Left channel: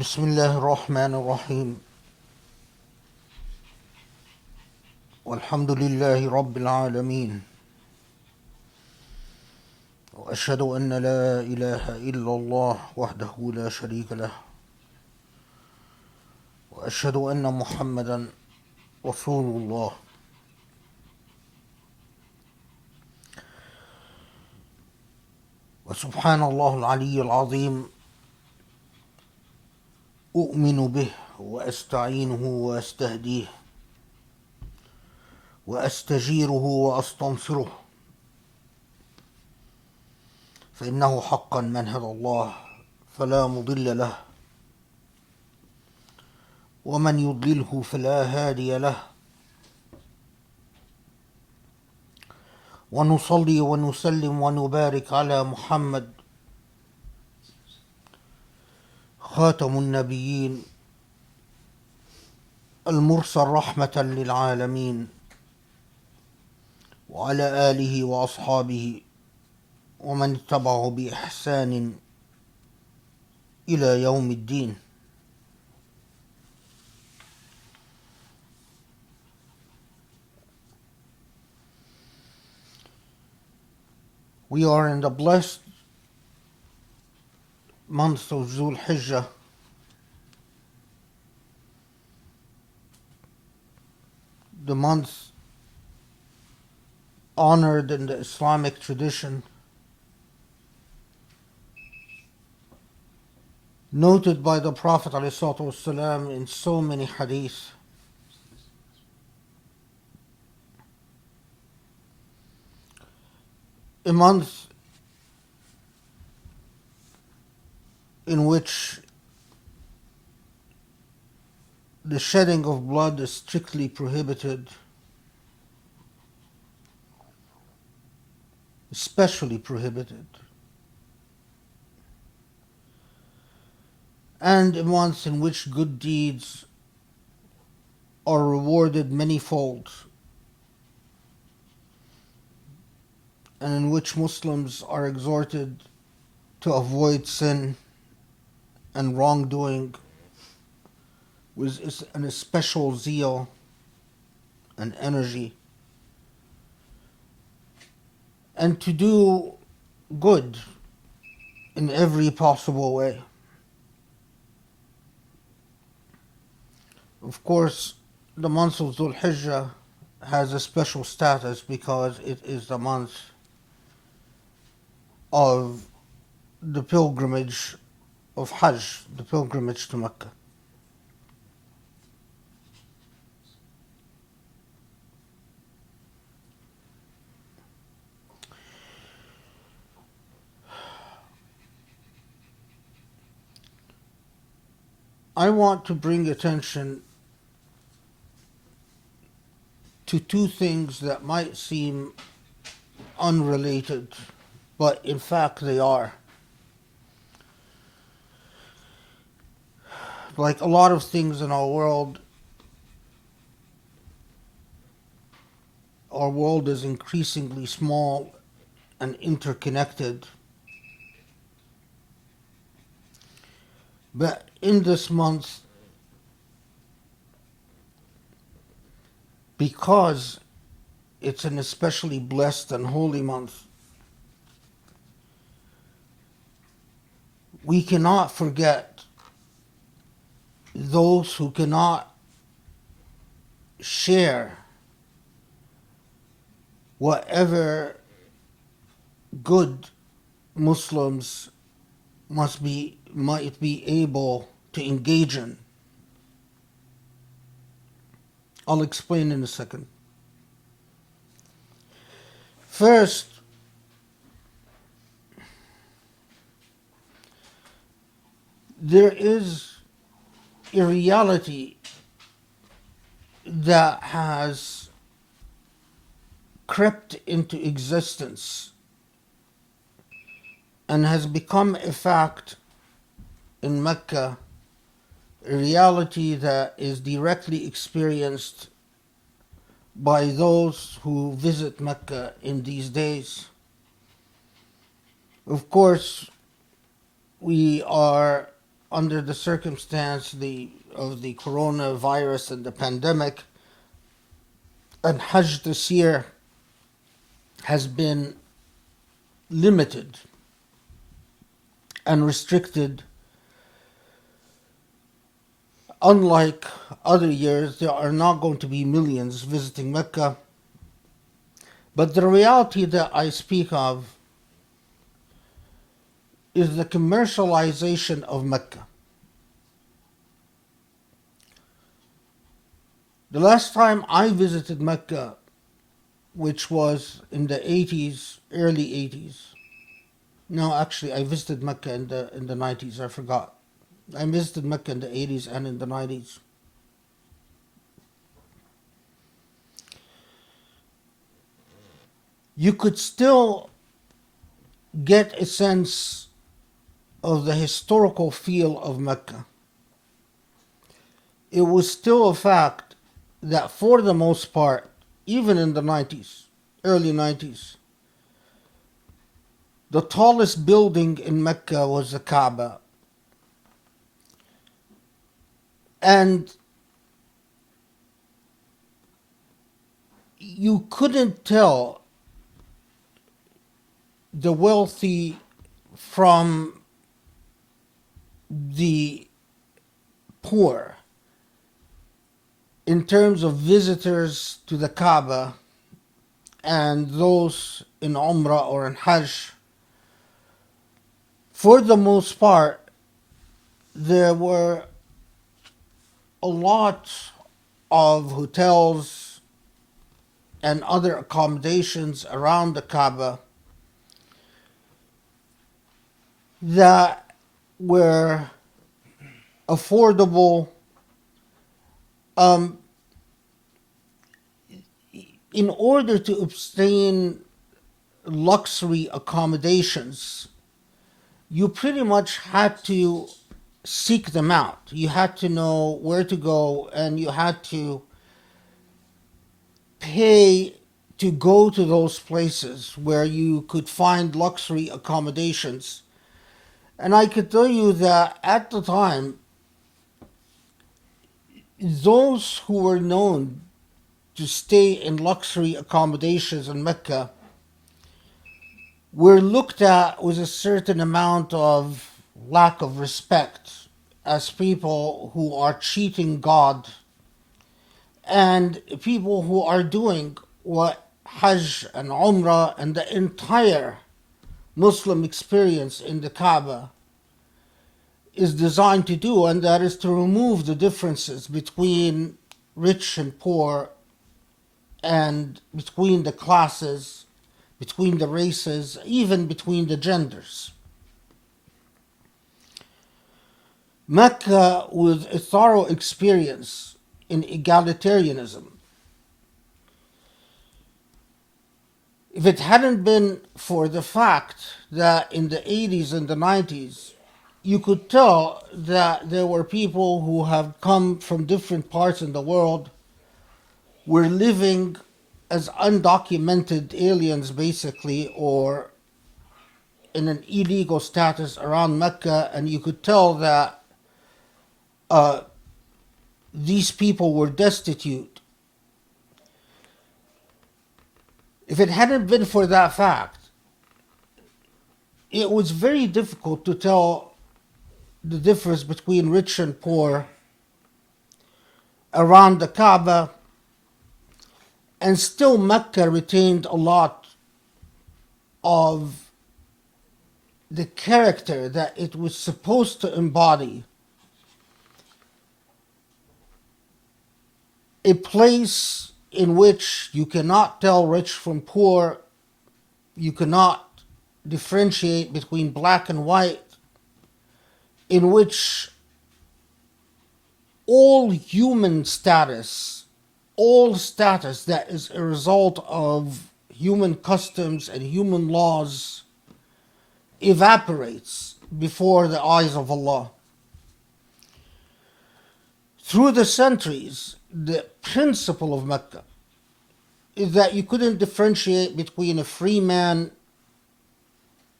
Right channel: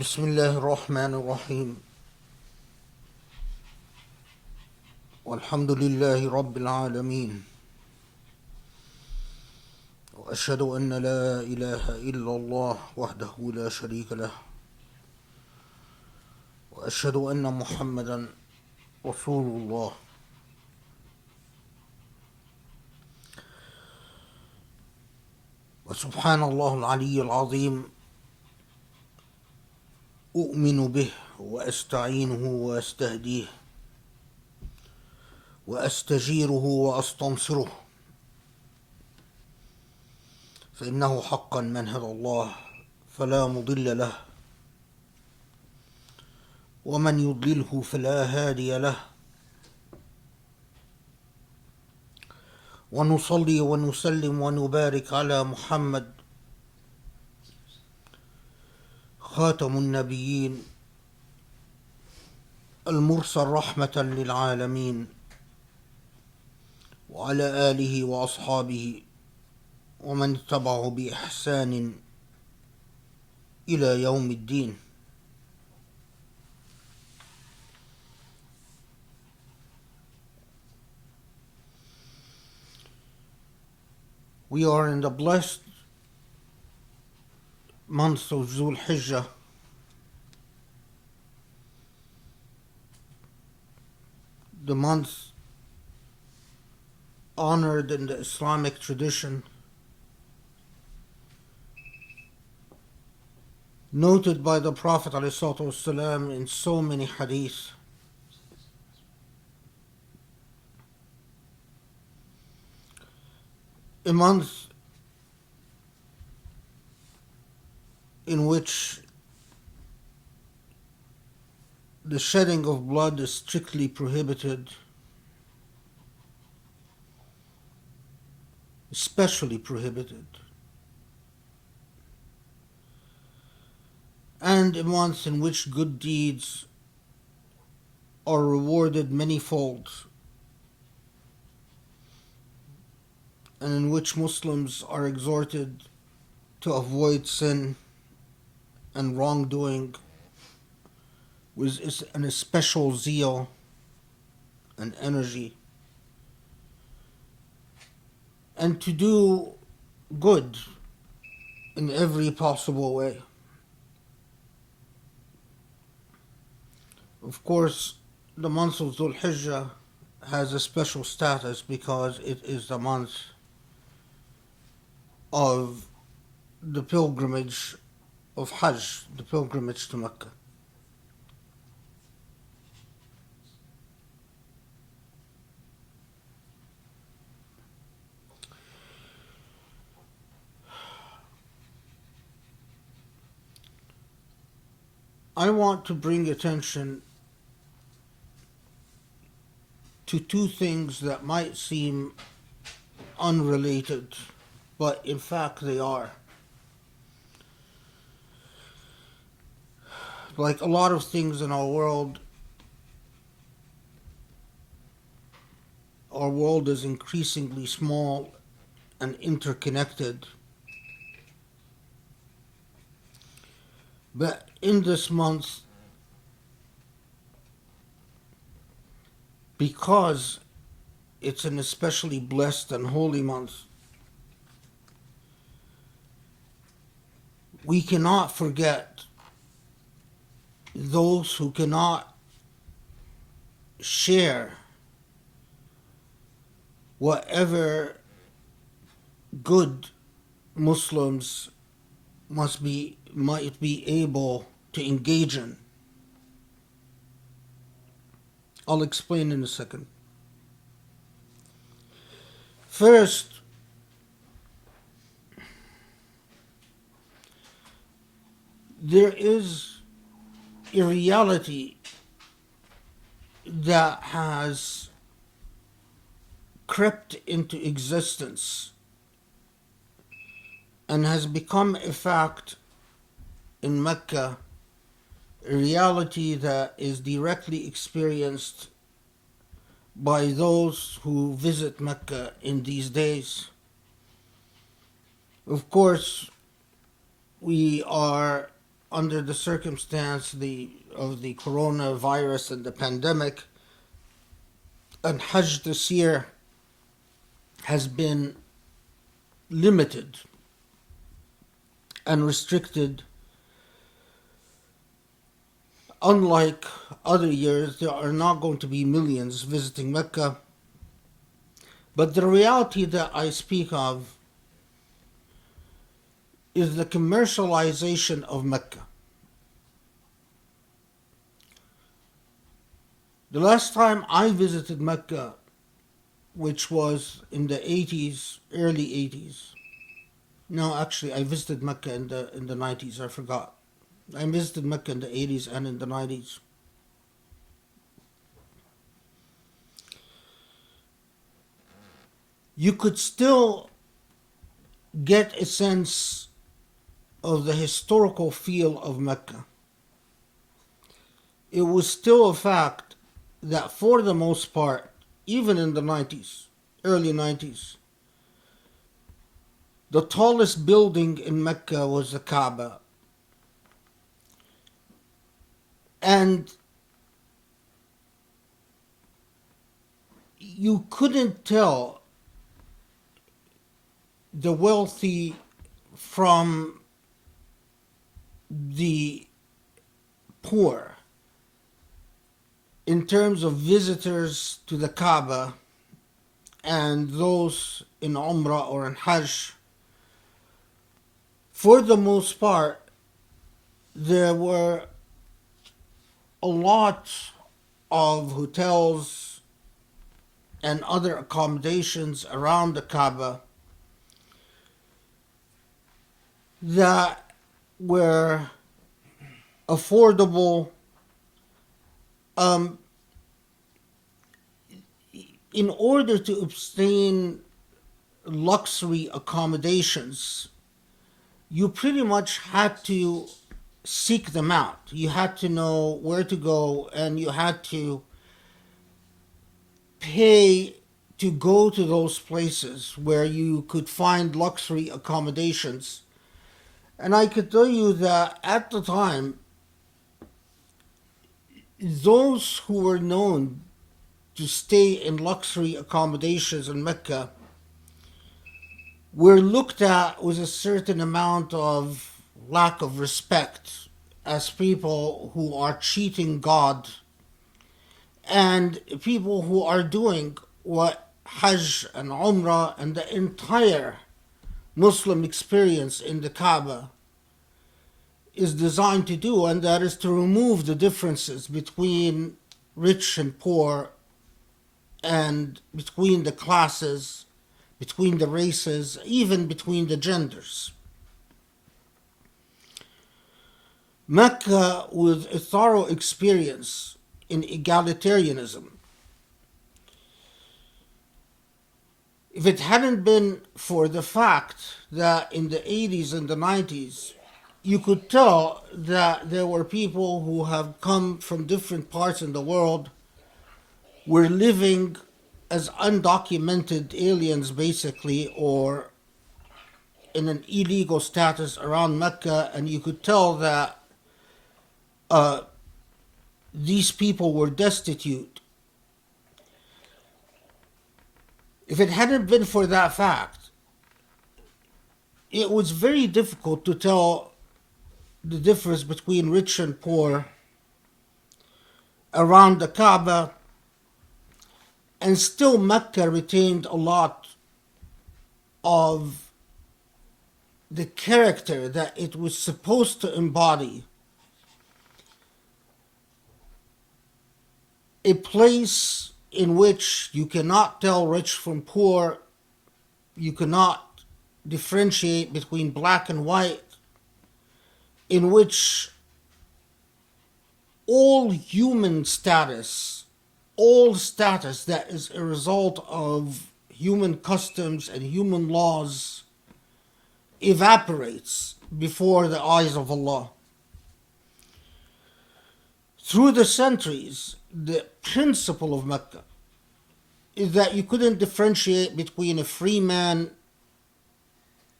بسم الله الرحمن الرحيم والحمد لله رب العالمين وأشهد أن لا إله إلا الله وحده لا شريك له وأشهد أن محمدا رسول الله. وسبحان الله العلي العظيم أؤمن به وأستعينه وأستهديه وأستجيره وأستنصره، فإنه حقا من هدى الله فلا مضل له ومن يضلله فلا هادي له. ونصلي ونسلم ونبارك على محمد خاتم النبيين المرسل رحمة للعالمين، وعلى آله وأصحابه ومن اتبعه بإحسان إلى يوم الدين. We are in the blessed month of Dhul Hijjah, the month honored in the Islamic tradition, noted by the Prophet ﷺ in so many hadiths. A month in which the shedding of blood is strictly prohibited, especially prohibited, and a month in which good deeds are rewarded manyfold, and in which Muslims are exhorted to avoid sin and wrongdoing with an especial zeal and energy, and to do good in every possible way. Of course, the month of Dhul Hijjah has a special status because it is the month of the pilgrimage of Hajj, the pilgrimage to Mecca. I want to bring attention to two things that might seem unrelated, but in fact they are. Like a lot of things in our world is increasingly small and interconnected. But in this month, because it's an especially blessed and holy month, we cannot forget those who cannot share whatever good Muslims might be able to engage in. I'll explain in a second. First, there is a reality that has crept into existence and has become a fact in Mecca, a reality that is directly experienced by those who visit Mecca in these days. Of course, we are under the circumstance of the coronavirus and the pandemic, and Hajj this year has been limited and restricted. Unlike other years, there are not going to be millions visiting Mecca. But the reality that I speak of is the commercialization of Mecca. The last time I visited Mecca, which was in the 80s, early 80s. No, actually, I visited Mecca in the 90s, I forgot. I visited Mecca in the 80s and in the 90s. You could still get a sense of the historical feel of Mecca. It was still a fact that for the most part, even in the 90s, early 90s, the tallest building in Mecca was the Kaaba. And you couldn't tell the wealthy from the poor in terms of visitors to the Kaaba and those in Umrah or in Hajj. For the most part, there were a lot of hotels and other accommodations around the Kaaba that were affordable. In order to obtain luxury accommodations, you pretty much had to seek them out. You had to know where to go, and you had to pay to go to those places where you could find luxury accommodations. And I could tell you that at the time, those who were known to stay in luxury accommodations in Mecca were looked at with a certain amount of lack of respect as people who are cheating God and people who are doing what Hajj and Umrah and the entire Muslim experience in the Kaaba is designed to do, and that is to remove the differences between rich and poor and between the classes, between the races, even between the genders. Mecca was a thorough experience in egalitarianism. If it hadn't been for the fact that in the 80s and the 90s, you could tell that there were people who have come from different parts in the world, were living as undocumented aliens basically, or in an illegal status around Mecca, and you could tell that these people were destitute. If it hadn't been for that fact, it was very difficult to tell the difference between rich and poor around the Kaaba, and still Mecca retained a lot of the character that it was supposed to embody. A place in which you cannot tell rich from poor, you cannot differentiate between black and white, in which all human status, all status that is a result of human customs and human laws evaporates before the eyes of Allah. Through the centuries, the principle of Mecca is that you couldn't differentiate between a free man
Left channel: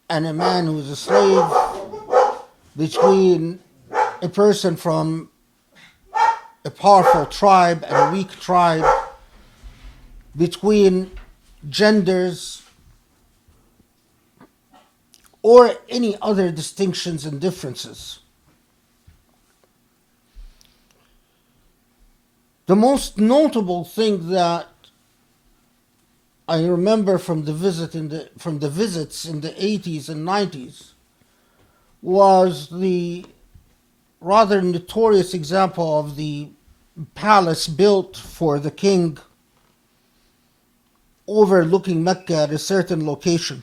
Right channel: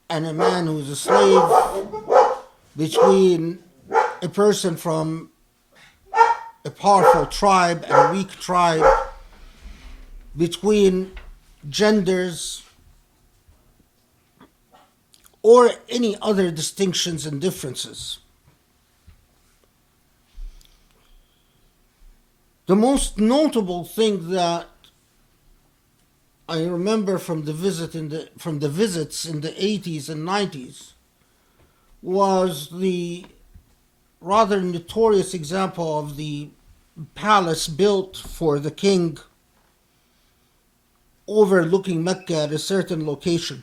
and a man who's a slave, between a person from a powerful tribe and a weak tribe, between genders, or any other distinctions and differences. The most notable thing that I remember from the visits in the 80s and 90s was the rather notorious example of the palace built for the king overlooking Mecca at a certain location.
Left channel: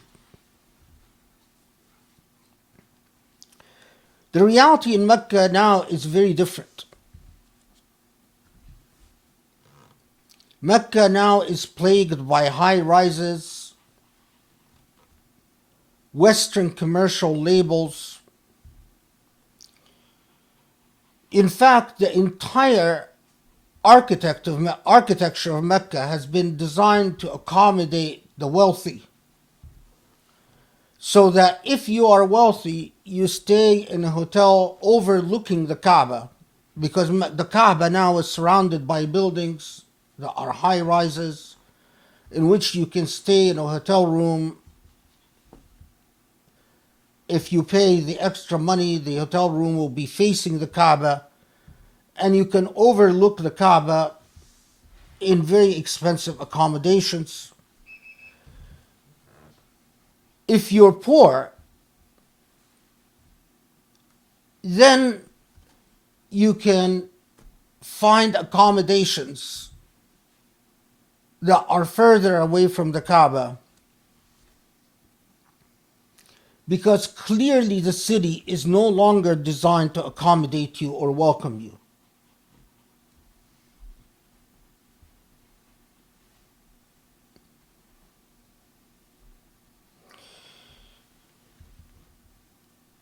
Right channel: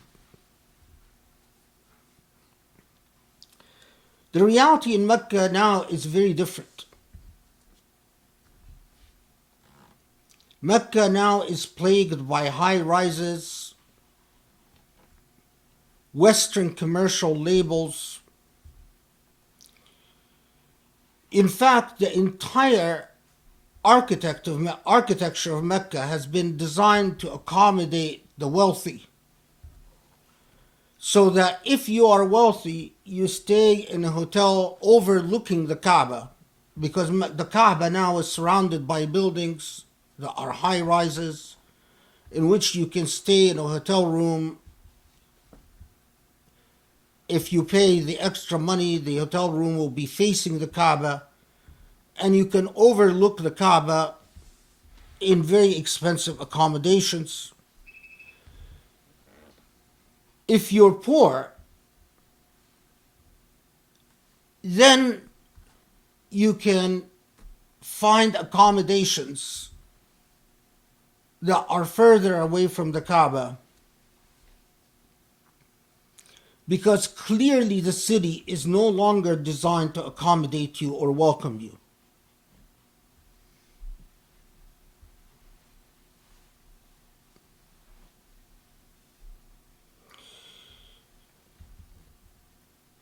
The reality in Mecca now is very different. Mecca now is plagued by high rises, Western commercial labels. In fact, the entire architecture of Mecca has been designed to accommodate the wealthy, so that if you are wealthy, you stay in a hotel overlooking the Kaaba, because the Kaaba now is surrounded by buildings that are high rises, in which you can stay in a hotel room. If you pay the extra money, the hotel room will be facing the Kaaba, and you can overlook the Kaaba in very expensive accommodations. If you're poor, then you can find accommodations that are further away from the Kaaba, because clearly the city is no longer designed to accommodate you or welcome you.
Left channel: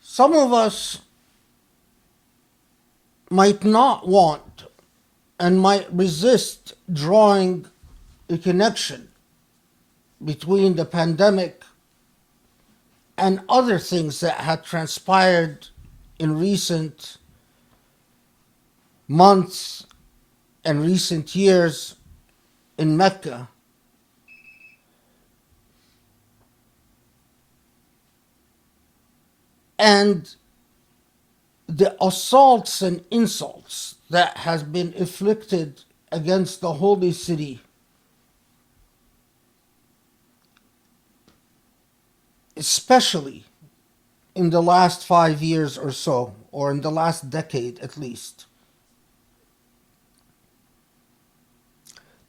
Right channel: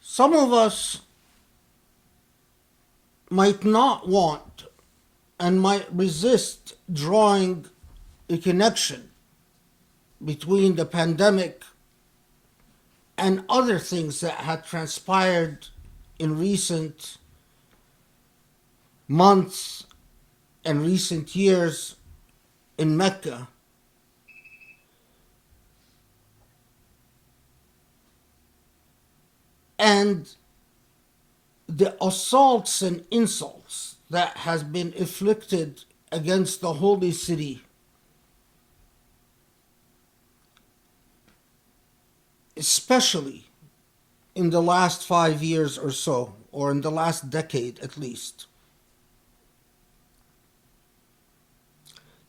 Some of us might not want and might resist drawing a connection between the pandemic and other things that had transpired in recent months and recent years in Mecca. And the assaults and insults that has been inflicted against the holy city, especially in the last 5 years or so, or in the last decade at least.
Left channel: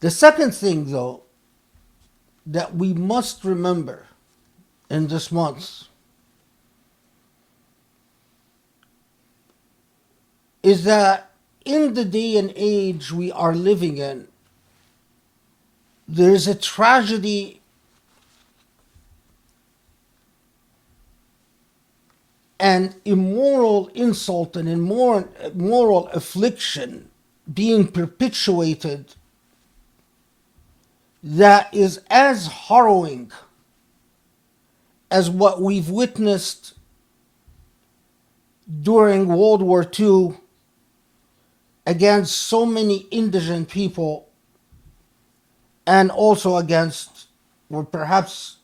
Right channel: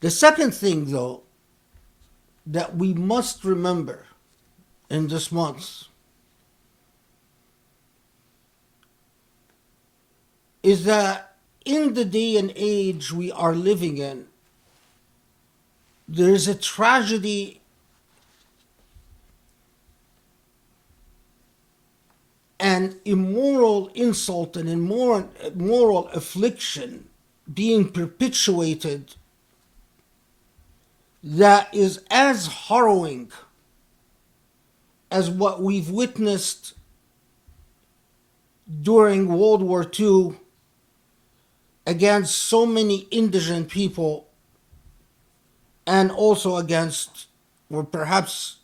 The second thing, though, that we must remember in this month is that in the day and age we are living in, there is a tragedy and immoral insult and immoral affliction being perpetuated that is as harrowing as what we've witnessed during World War II against so many indigent people, and also against, or perhaps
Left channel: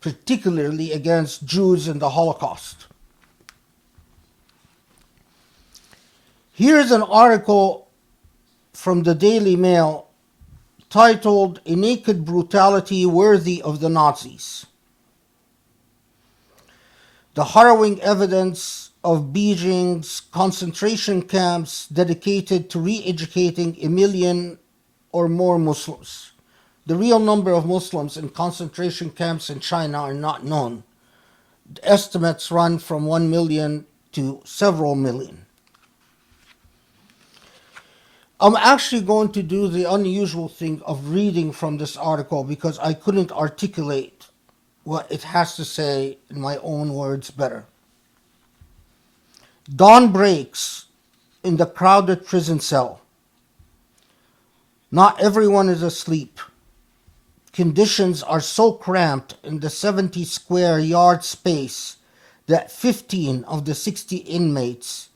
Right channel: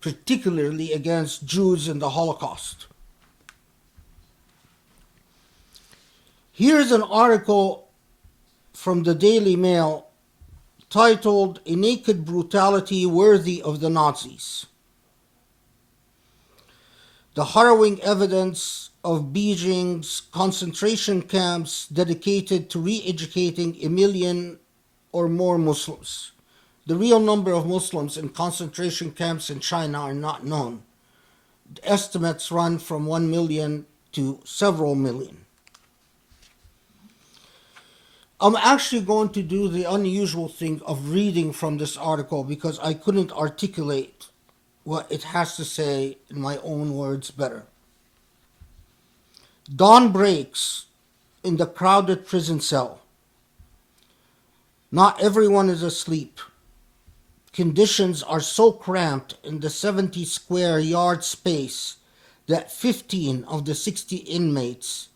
particularly against, Jews in the Holocaust. Here's an article from the Daily Mail titled "A Naked Brutality Worthy of the Nazis." The harrowing evidence of Beijing's concentration camps dedicated to re-educating 1 million or more Muslims. The real number of Muslims in concentration camps in China are not known. The estimates run from 1 million to several million. I'm actually going to do the unusual thing of reading from this article because I couldn't articulate what it has to say in my own words better. Dawn breaks in the crowded prison cell. Not everyone is asleep. Conditions are so cramped in the 70 square yard space that 15 of the 60 inmates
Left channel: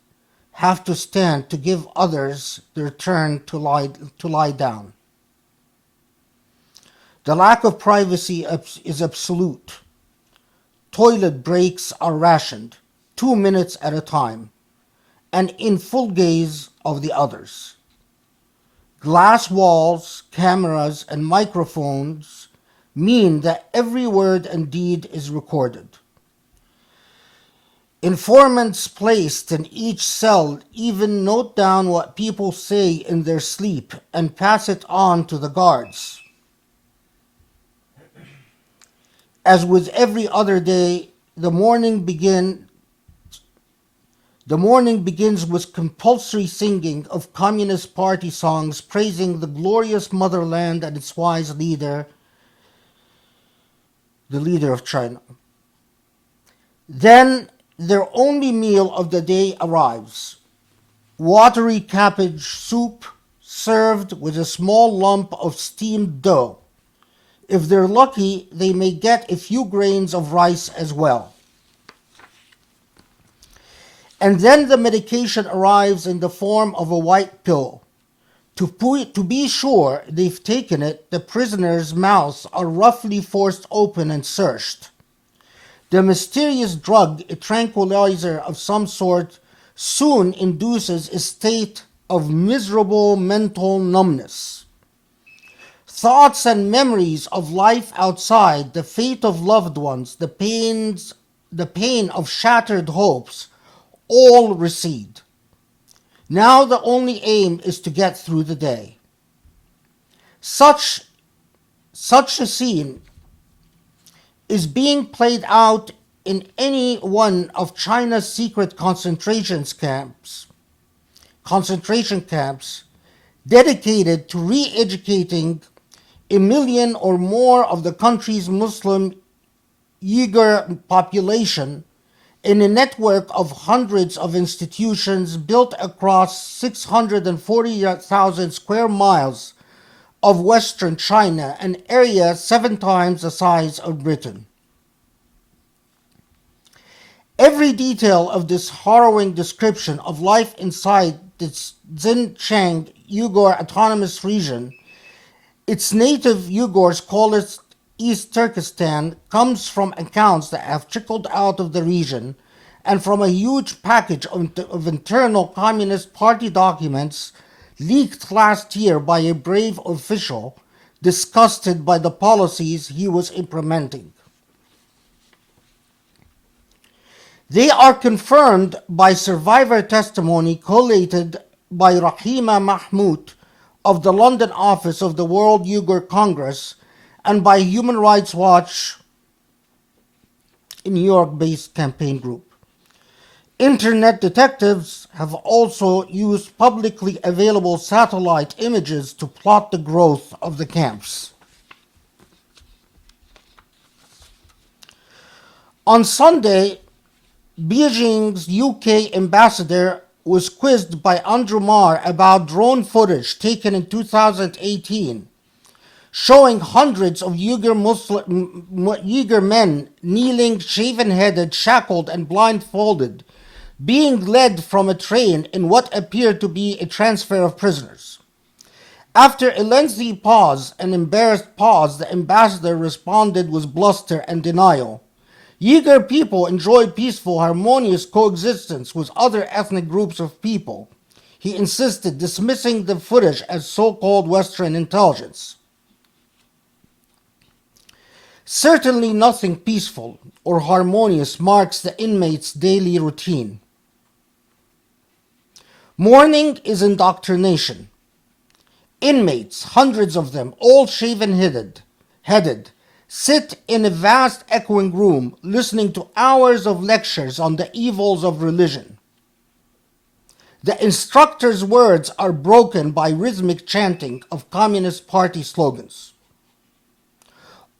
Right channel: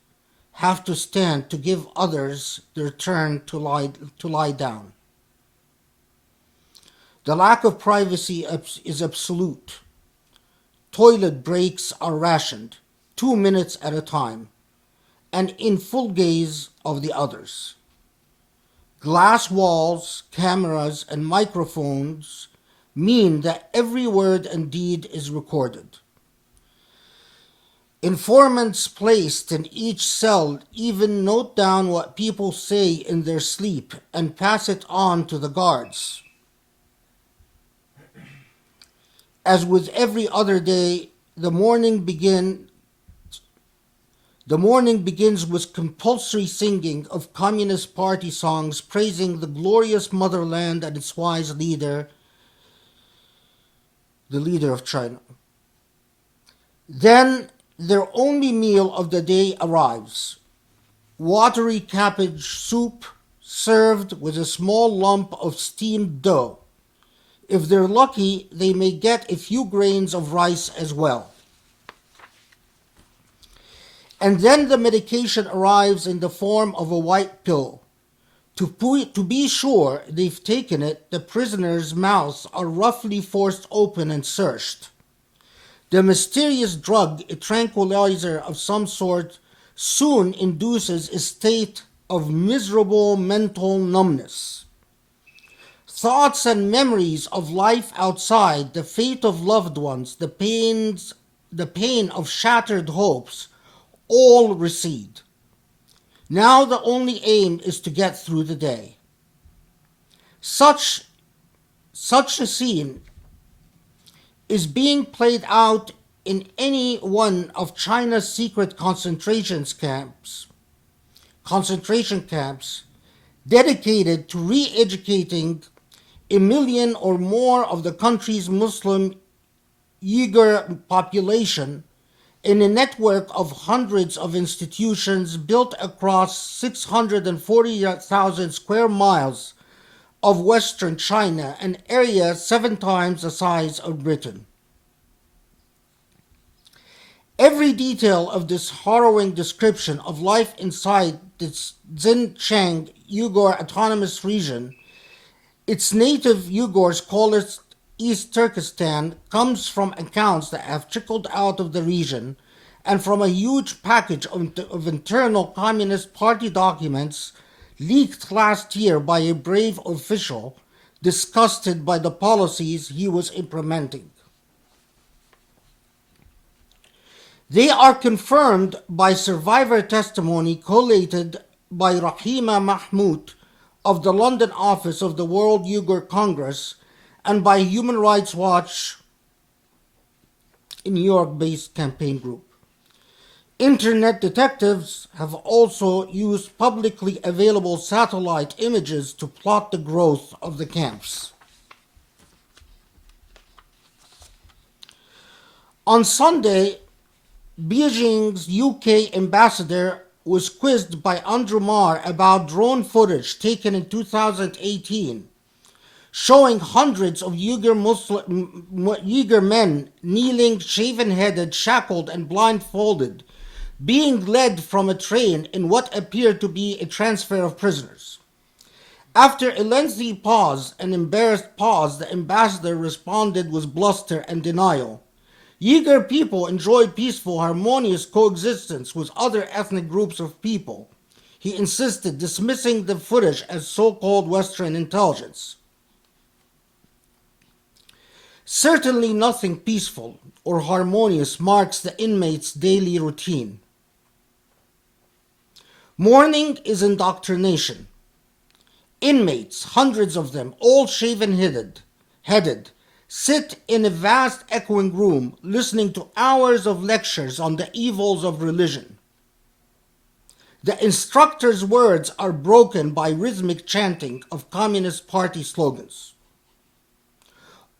have to stand to give others their turn to lie down. The lack of privacy is absolute. Toilet breaks are rationed, 2 minutes at a time, and in full gaze of the others. Glass walls, cameras, and microphones mean that every word and deed is recorded. Informants placed in each cell even note down what people say in their sleep and pass it on to the guards. As with every other day, the morning begins with compulsory singing of Communist Party songs praising the glorious motherland and its wise leader, the leader of China. Then their only meal of the day arrives. Watery cabbage soup served with a small lump of steamed dough. If they're lucky, they may get a few grains of rice as well. And then the medication arrives in the form of a white pill. To be sure they've taken it, the prisoners' mouths are roughly forced open and searched. The mysterious drug, a tranquilizer of some sort, soon induces a state of miserable mental numbness. Thoughts and memories of life outside, the fate of loved ones, the pain of shattered hopes, all recede. Now the only aim is to get through the day. Such a scene is being played out in any one of China's secret concentration camps dedicated to re-educating 1 million or more of the country's Muslim Uyghur population in a network of hundreds of institutions built across 640,000 square miles of Western China, an area 7 times the size of Britain. Every detail of this harrowing description of life inside the Xinjiang Uyghur Autonomous Region, its native Uyghurs call it East Turkestan, comes from accounts that have trickled out of the region and from a huge package of internal Communist Party documents leaked last year by a brave official disgusted by the policies he was implementing. They are confirmed by survivor testimony collated by Rahima Mahmoud of the London office of the World Uyghur Congress and by Human Rights Watch, a New York-based campaign group. Internet detectives have also used publicly available satellite images to plot the growth of the camps. On Sunday, Beijing's UK ambassador was quizzed by Andrew Marr about drone footage taken in 2018, showing hundreds of Uyghur men kneeling, shaven-headed, shackled, and blindfolded, being led from a train in what appeared to be a transfer of prisoners. After a lengthy pause, an embarrassed pause, the ambassador responded with bluster and denial. Uyghur people enjoy peaceful, harmonious coexistence with other ethnic groups of people, he insisted, dismissing the footage as so-called Western intelligence. Certainly nothing peaceful or harmonious marks the inmates' daily routine. Morning is indoctrination. Inmates, hundreds of them, all shaven-headed, sit in a vast echoing room listening to hours of lectures on the evils of religion. The instructor's words are broken by rhythmic chanting of Communist Party slogans.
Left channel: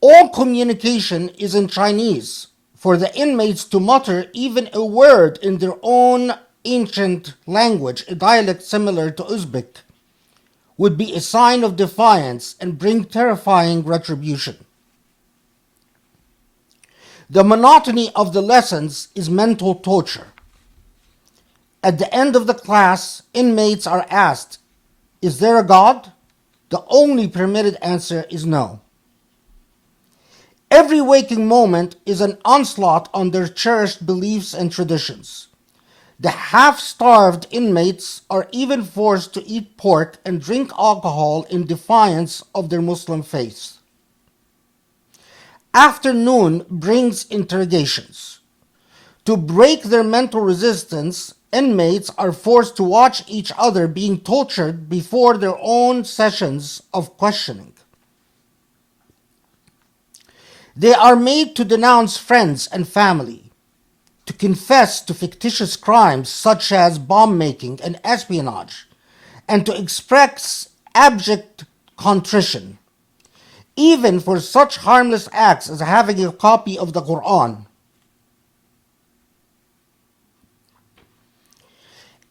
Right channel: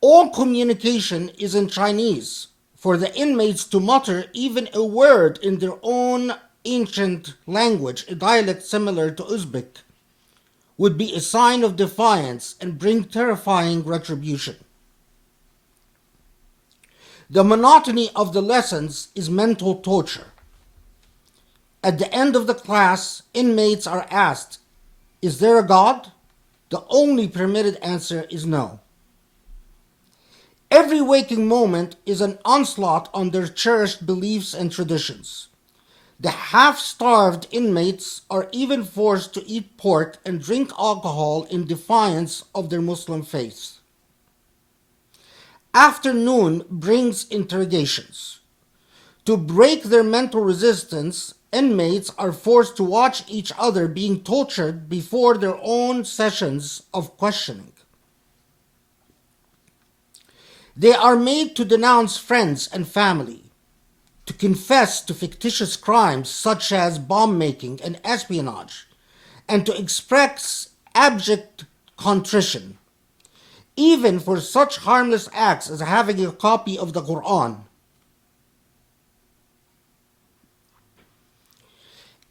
All communication is in Chinese. For the inmates to mutter even a word in their own ancient language, a dialect similar to Uzbek, would be a sign of defiance and bring terrifying retribution. The monotony of the lessons is mental torture. At the end of the class, inmates are asked, "Is there a God?" The only permitted answer is no. Every waking moment is an onslaught on their cherished beliefs and traditions. The half-starved inmates are even forced to eat pork and drink alcohol in defiance of their Muslim faith. Afternoon brings interrogations. To break their mental resistance, inmates are forced to watch each other being tortured before their own sessions of questioning. They are made to denounce friends and family, to confess to fictitious crimes such as bomb making and espionage, and to express abject contrition, even for such harmless acts as having a copy of the Quran.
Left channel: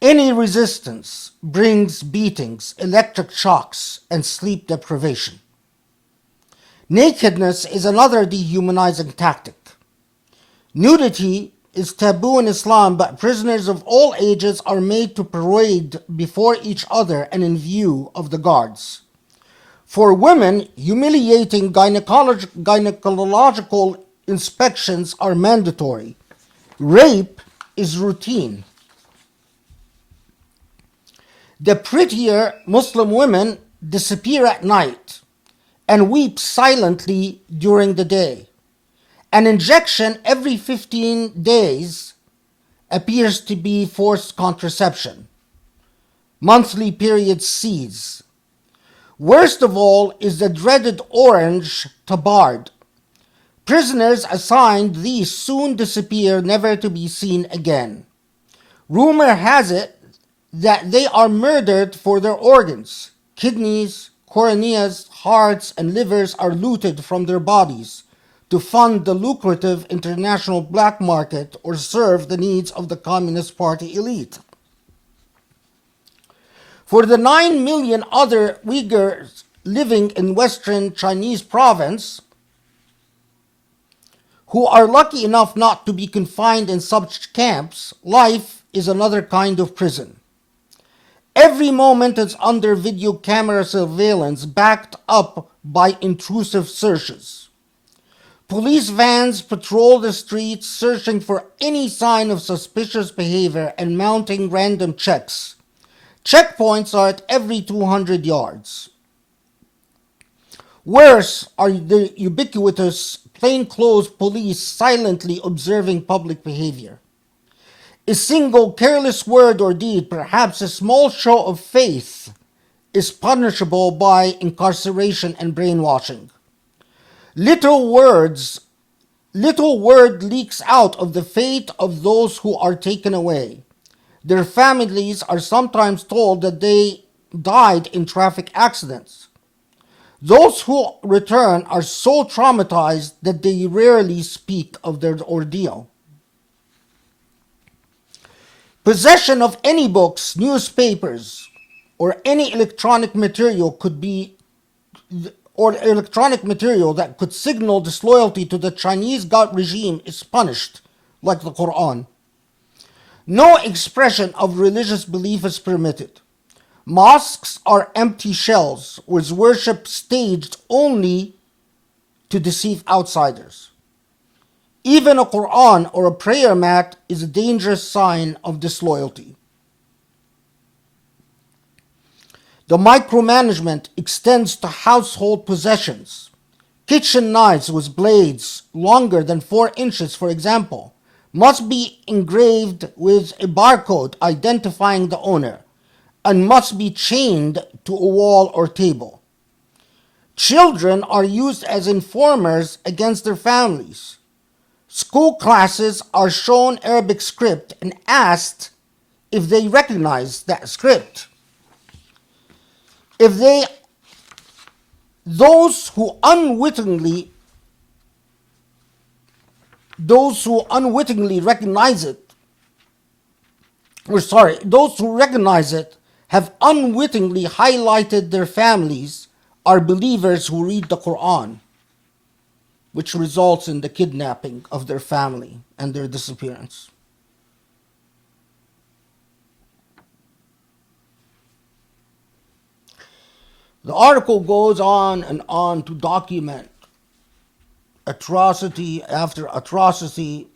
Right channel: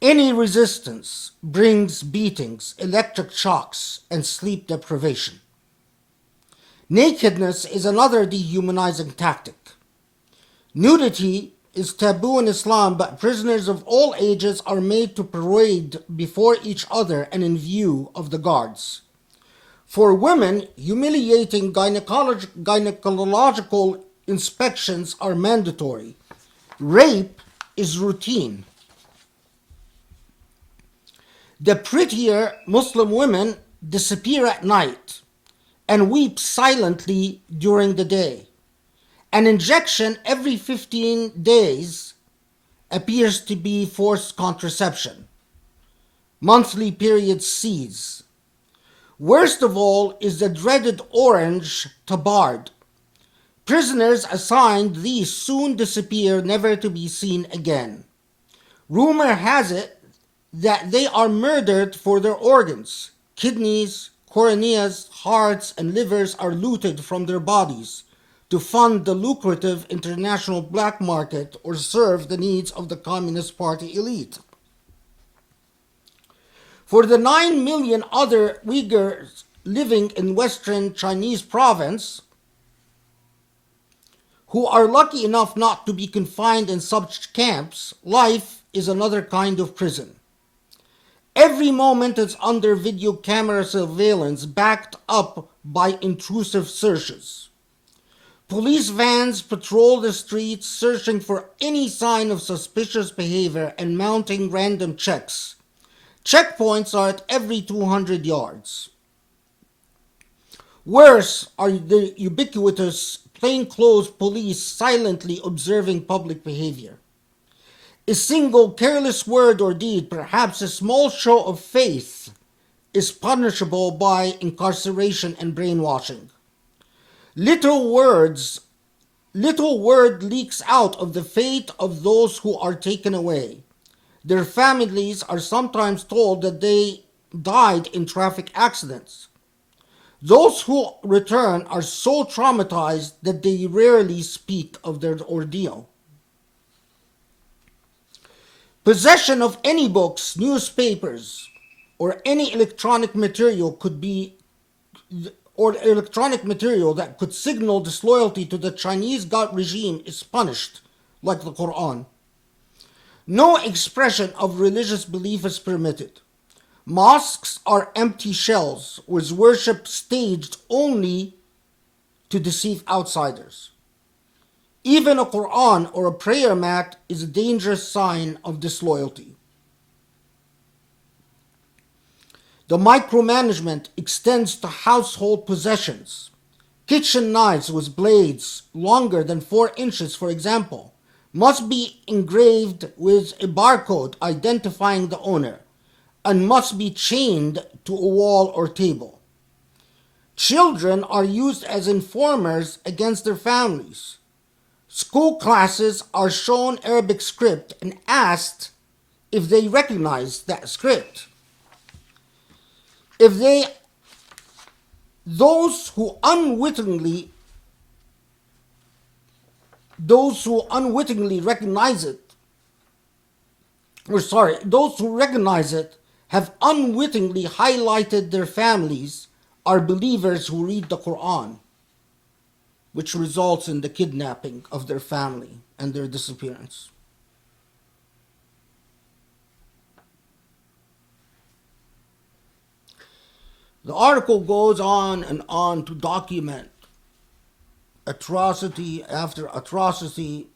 Any resistance brings beatings, electric shocks, and sleep deprivation. Nakedness is another dehumanizing tactic. Nudity is taboo in Islam, but prisoners of all ages are made to parade before each other and in view of the guards. For women, humiliating gynecological inspections are mandatory. Rape is routine. The prettier Muslim women disappear at night and weep silently during the day. An injection every 15 days appears to be forced contraception. Monthly periods cease. Worst of all is the dreaded orange tabard. Prisoners assigned these soon disappear, never to be seen again. Rumor has it that they are murdered for their organs. Kidneys, coroneas, hearts, and livers are looted from their bodies to fund the lucrative international black market or serve the needs of the Communist Party elite. For the 9 million other Uyghurs living in Western Chinese province, who are lucky enough not to be confined in such camps, life is another kind of prison. Every moment is under video camera surveillance backed up by intrusive searches. Police vans patrol the streets searching for any sign of suspicious behavior and mounting random checks. Checkpoints are at every 200 yards. Worse are the ubiquitous plainclothes police silently observing public behavior. A single careless word or deed, perhaps a small show of faith, is punishable by incarceration and brainwashing. Little word leaks out of the fate of those who are taken away. Their families are sometimes told that they died in traffic accidents. Those who return are so traumatized that they rarely speak of their ordeal. Possession of any books, newspapers, or any electronic material that could signal disloyalty to the Chinese God regime is punished, like the Quran. No expression of religious belief is permitted. Mosques are empty shells with worship staged only to deceive outsiders. Even a Quran or a prayer mat is a dangerous sign of disloyalty. The micromanagement extends to household possessions. Kitchen knives with blades longer than 4 inches, for example, must be engraved with a barcode identifying the owner and must be chained to a wall or table. Children are used as informers against their families. School classes are shown Arabic script and asked if they recognize that script. Those who unwittingly recognize it have unwittingly highlighted their families are believers who read the Quran, which results in the kidnapping of their family and their disappearance. The article goes on and on to document atrocity after atrocity.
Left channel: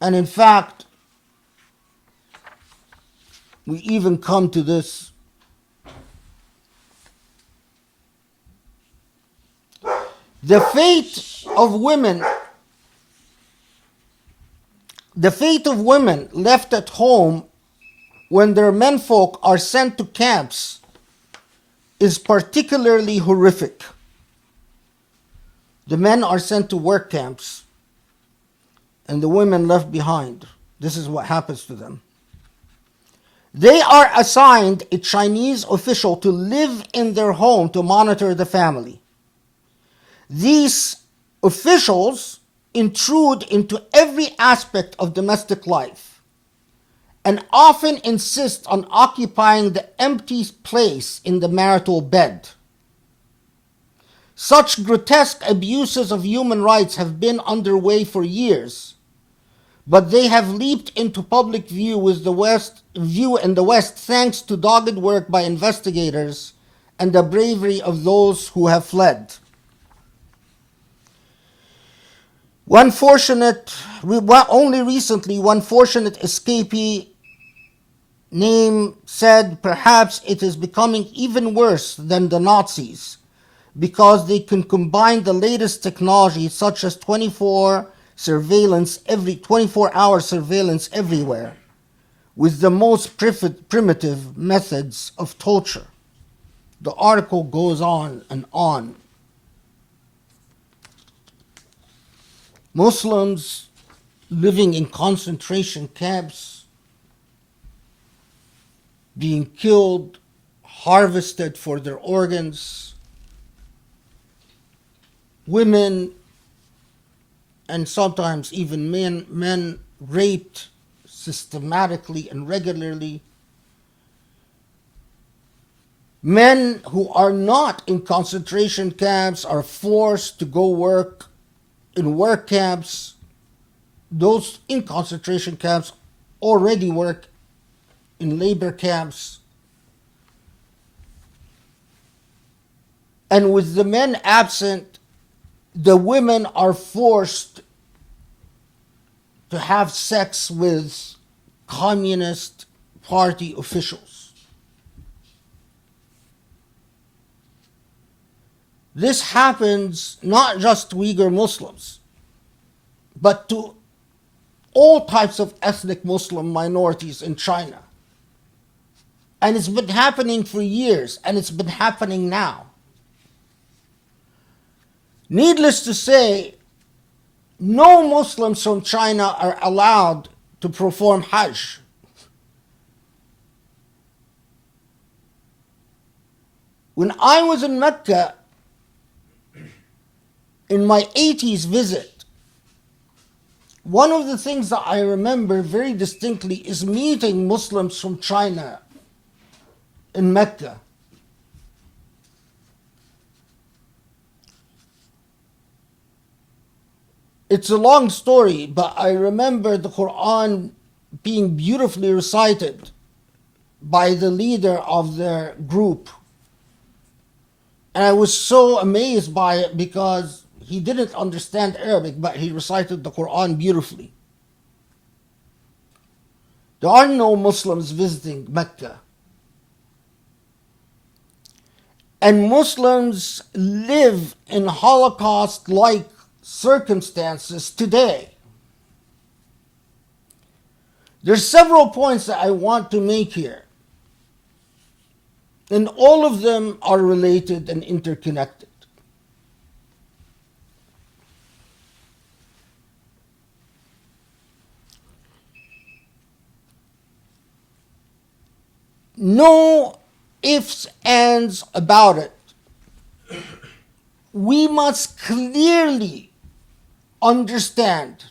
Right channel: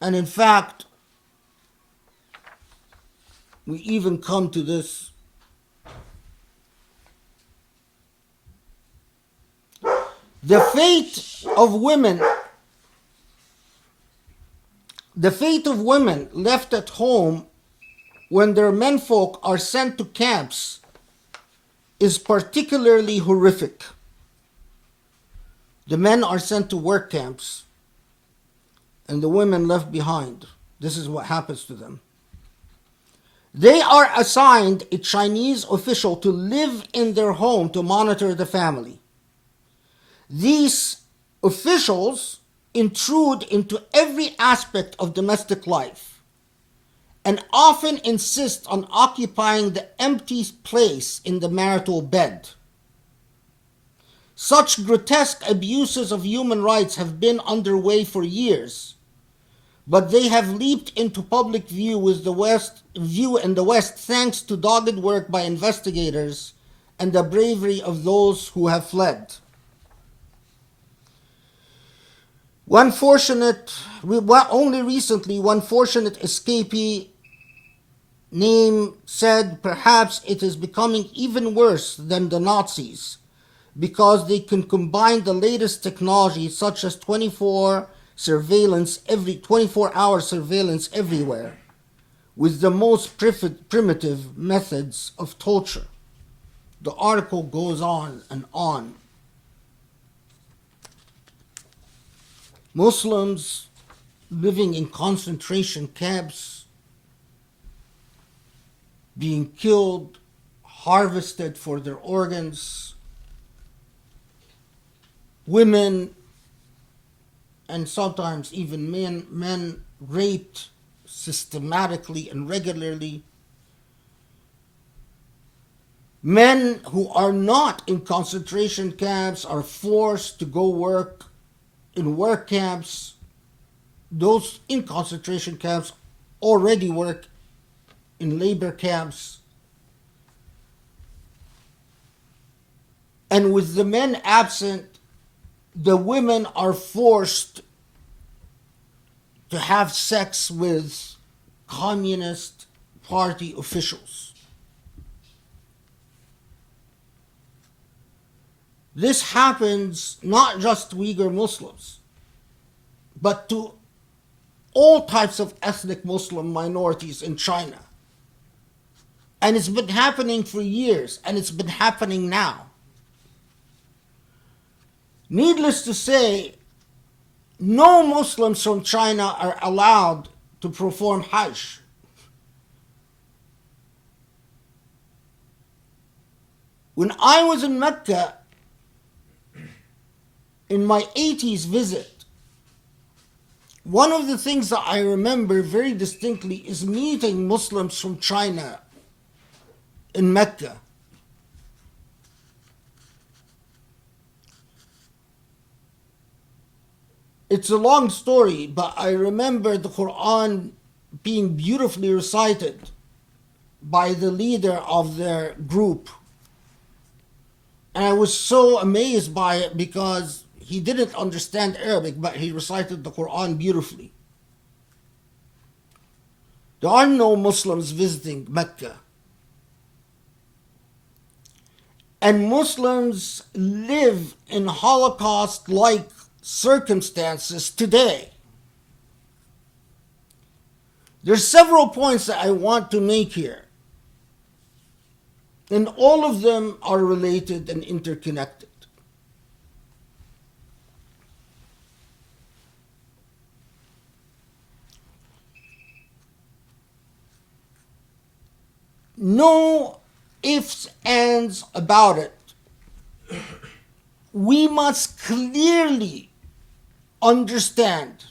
And in fact, we even come to this. The fate of women left at home when their menfolk are sent to camps is particularly horrific. The men are sent to work camps and the women left behind. This is what happens to them. They are assigned a Chinese official to live in their home to monitor the family. These officials intrude into every aspect of domestic life and often insist on occupying the empty place in the marital bed. Such grotesque abuses of human rights have been underway for years, but they have leaped into public view in the West thanks to dogged work by investigators and the bravery of those who have fled. Only recently, one fortunate escapee said perhaps it is becoming even worse than the Nazis because they can combine the latest technology such as 24-hour surveillance everywhere with the most primitive methods of torture. The article goes on and on. Muslims living in concentration camps, being killed, harvested for their organs, women and sometimes even men raped systematically and regularly. Men who are not in concentration camps are forced to go work in work camps. Those in concentration camps already work in labor camps. And with the men absent, the women are forced to have sex with Communist Party officials. This happens not just to Uyghur Muslims, but to all types of ethnic Muslim minorities in China. And it's been happening for years, and it's been happening now. Needless to say, no Muslims from China are allowed to perform Hajj. When I was in Mecca, in my 80s visit, one of the things that I remember very distinctly is meeting Muslims from China in Mecca. It's a long story, but I remember the Quran being beautifully recited by the leader of their group. And I was so amazed by it because he didn't understand Arabic, but he recited the Quran beautifully. There are no Muslims visiting Mecca. And Muslims live in Holocaust-like circumstances today. There's several points that I want to make here, and all of them are related and interconnected. No ifs, ands about it. We must clearly understand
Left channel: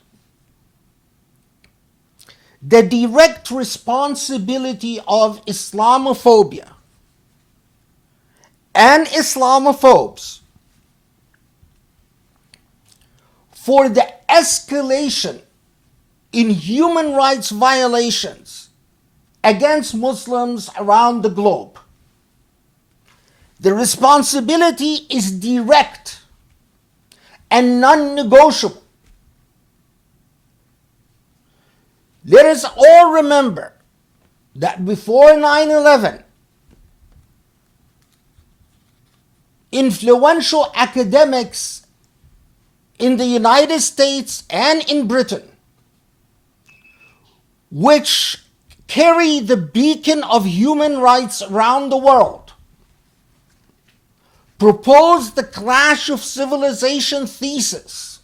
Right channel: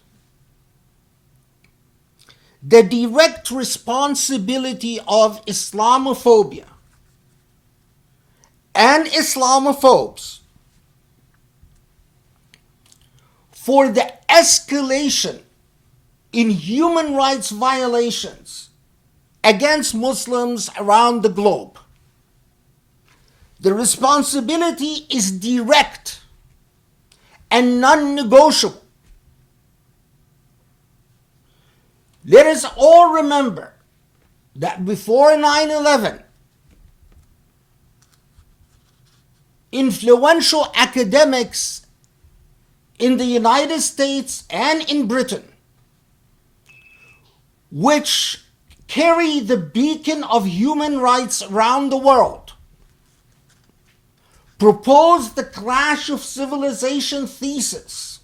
the direct responsibility of Islamophobia and Islamophobes for the escalation in human rights violations against Muslims around the globe. The responsibility is direct and non-negotiable. Let us all remember that before 9/11, influential academics in the United States and in Britain, which carry the beacon of human rights around the world, proposed the clash of civilization thesis,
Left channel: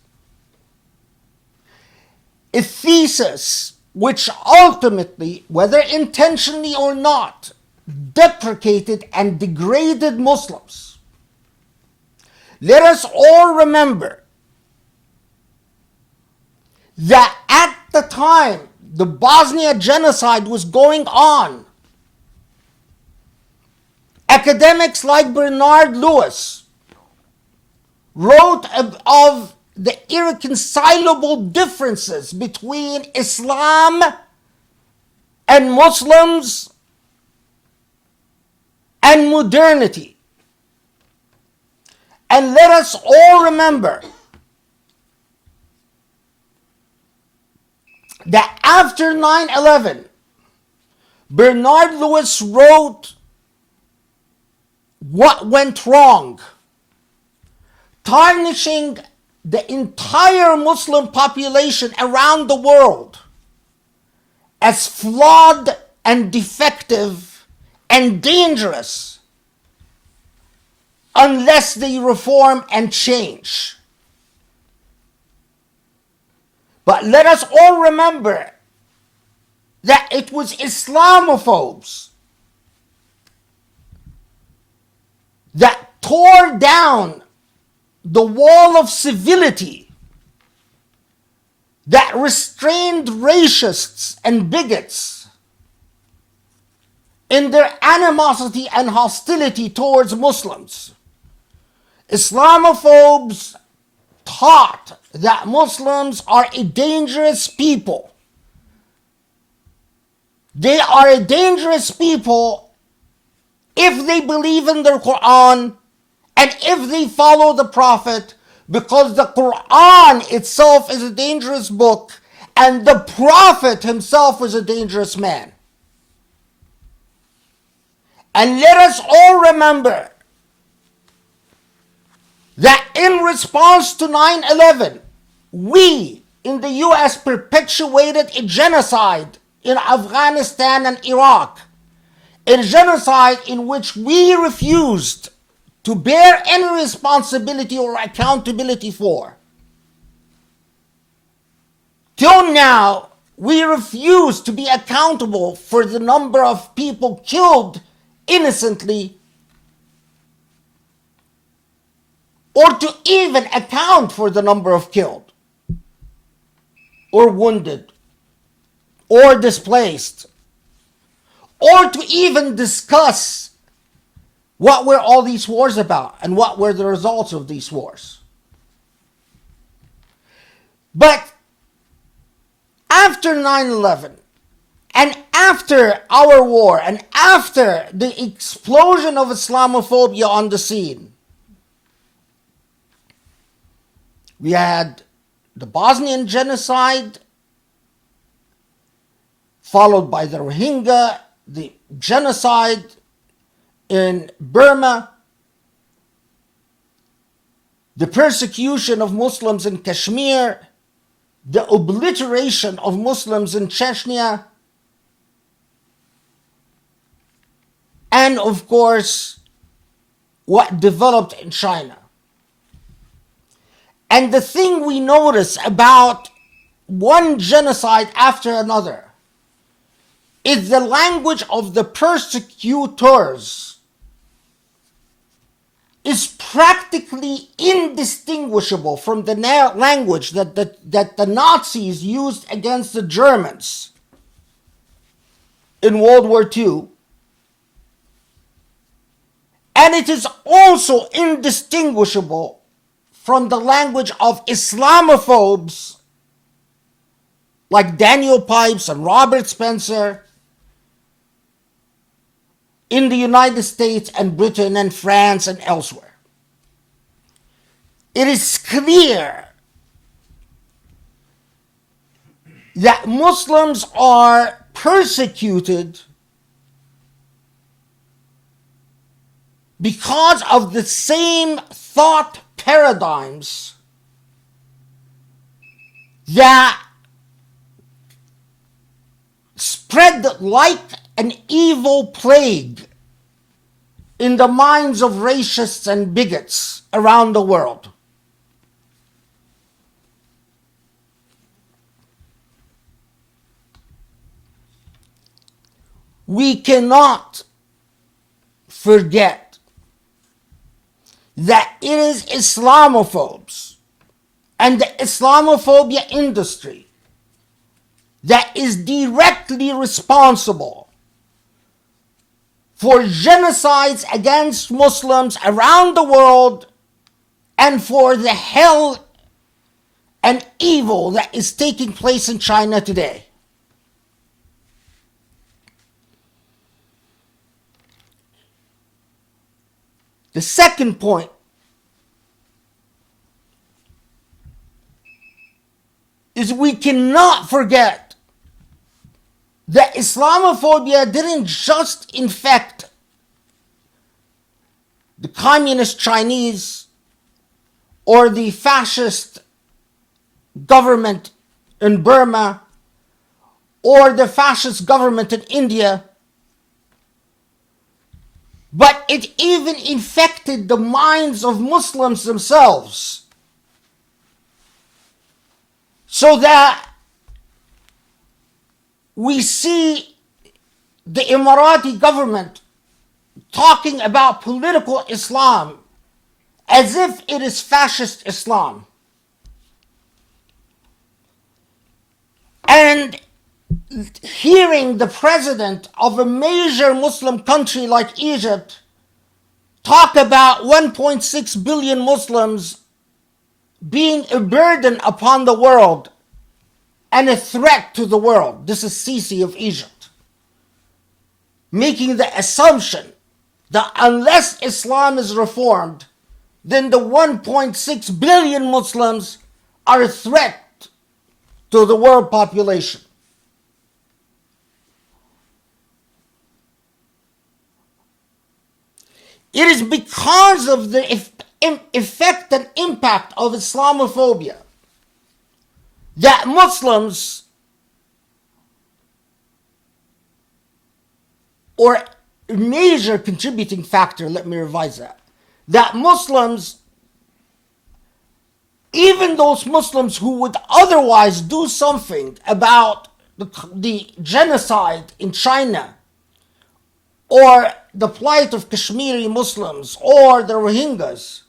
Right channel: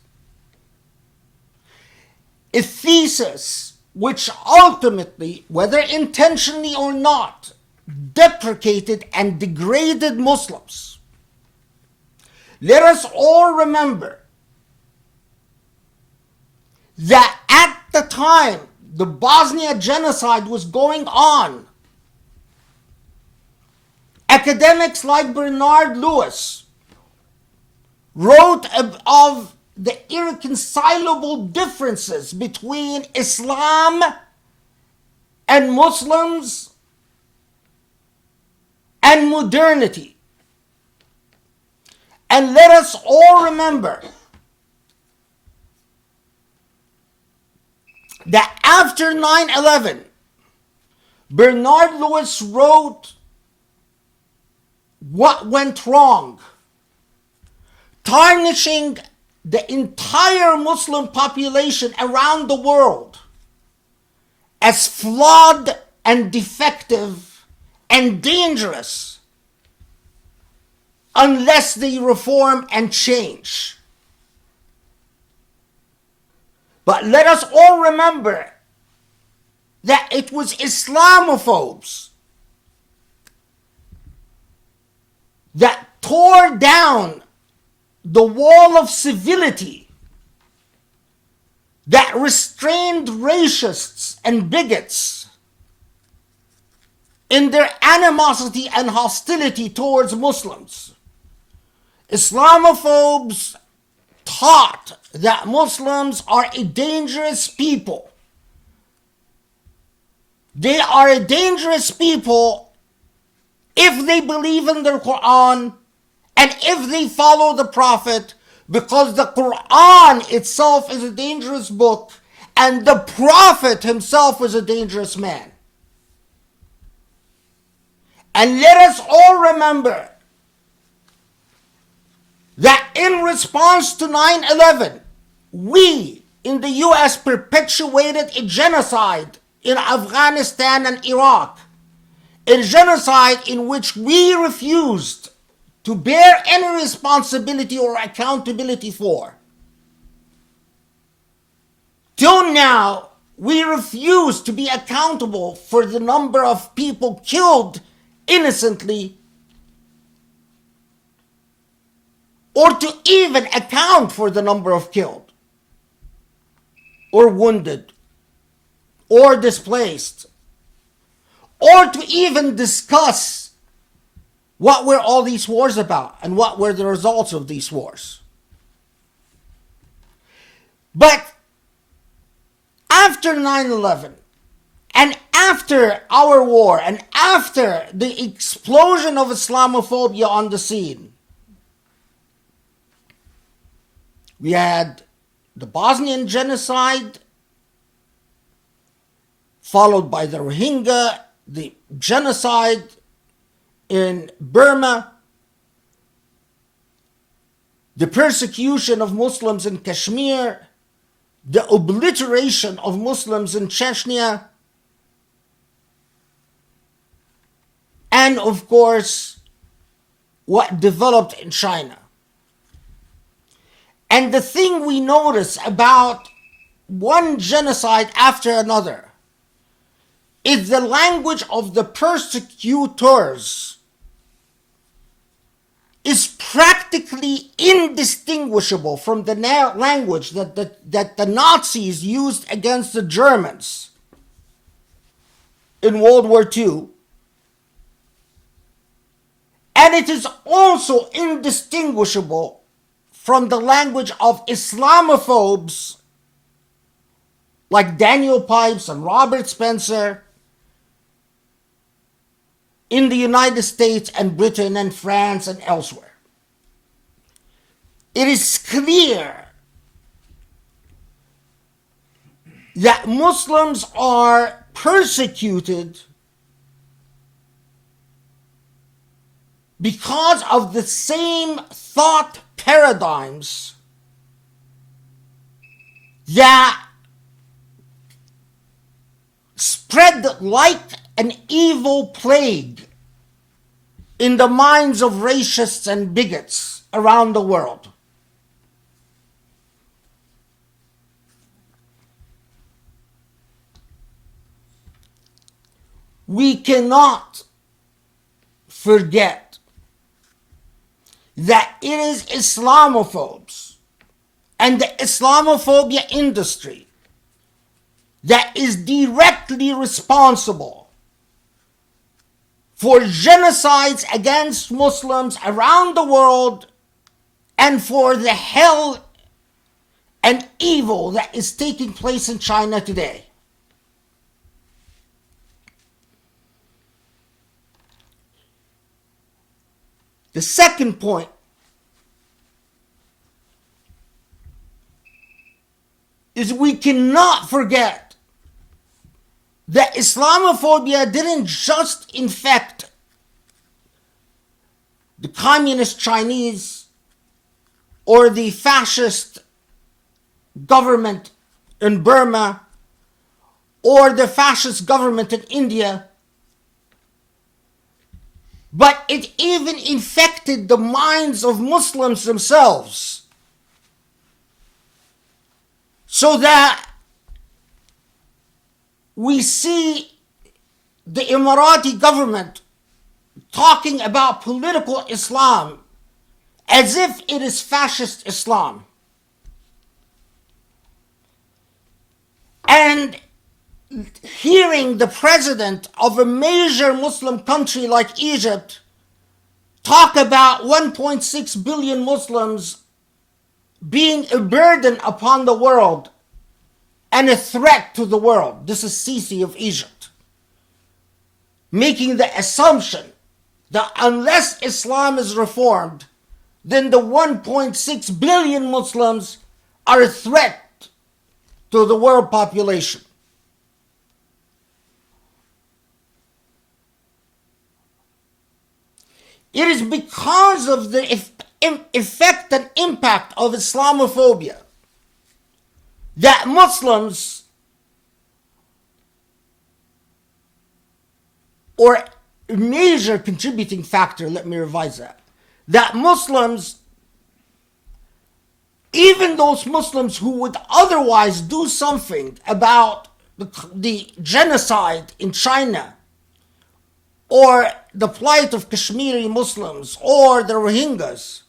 a thesis which ultimately, whether intentionally or not, deprecated and degraded Muslims. Let us all remember that at the time the Bosnia genocide was going on, academics like Bernard Lewis wrote of the irreconcilable differences between Islam and Muslims and modernity. And let us all remember that after 9/11, Bernard Lewis wrote what went wrong, tarnishing the entire Muslim population around the world as flawed and defective and dangerous unless they reform and change. But let us all remember that it was Islamophobes that tore down the wall of civility that restrained racists and bigots in their animosity and hostility towards Muslims. Islamophobes taught that Muslims are a dangerous people. They are a dangerous people if they believe in the Quran and if they follow the Prophet, because the Quran itself is a dangerous book and the Prophet himself was a dangerous man. And let us all remember that in response to 9/11, we in the US perpetuated a genocide in Afghanistan and Iraq, a genocide in which we refused to bear any responsibility or accountability for. Till now, we refuse to be accountable for the number of people killed innocently, or to even account for the number of killed, or wounded, or displaced, or to even discuss what were all these wars about and what were the results of these wars. But after 9/11, and after our war, and after the explosion of Islamophobia on the scene, we had the Bosnian genocide, followed by the Rohingya, the genocide in Burma, the persecution of Muslims in Kashmir, the obliteration of Muslims in Chechnya, and of course, what developed in China. And the thing we notice about one genocide after another is the language of the persecutors is practically indistinguishable from the language that the Nazis used against the Germans in World War II. And it is also indistinguishable from the language of Islamophobes like Daniel Pipes and Robert Spencer, in the United States and Britain and France and elsewhere. It is clear that Muslims are persecuted because of the same thought paradigms that spread like an evil plague in the minds of racists and bigots around the world. We cannot forget that it is Islamophobes and the Islamophobia industry that is directly responsible for genocides against Muslims around the world and for the hell and evil that is taking place in China today. The second point is we cannot forget that Islamophobia didn't just infect the communist Chinese or the fascist government in Burma or the fascist government in India, but it even infected the minds of Muslims themselves. So that we see the Emirati government talking about political Islam as if it is fascist Islam. And hearing the president of a major Muslim country like Egypt talk about 1.6 billion Muslims being a burden upon the world and a threat to the world. This is Sisi of Egypt, making the assumption that unless Islam is reformed, then the 1.6 billion Muslims are a threat to the world population. It is because of the effect and impact of Islamophobia that Muslims, or a major contributing factor, let me revise that Muslims, even those Muslims who would otherwise do something about the genocide in China, or the plight of Kashmiri Muslims, or the Rohingyas,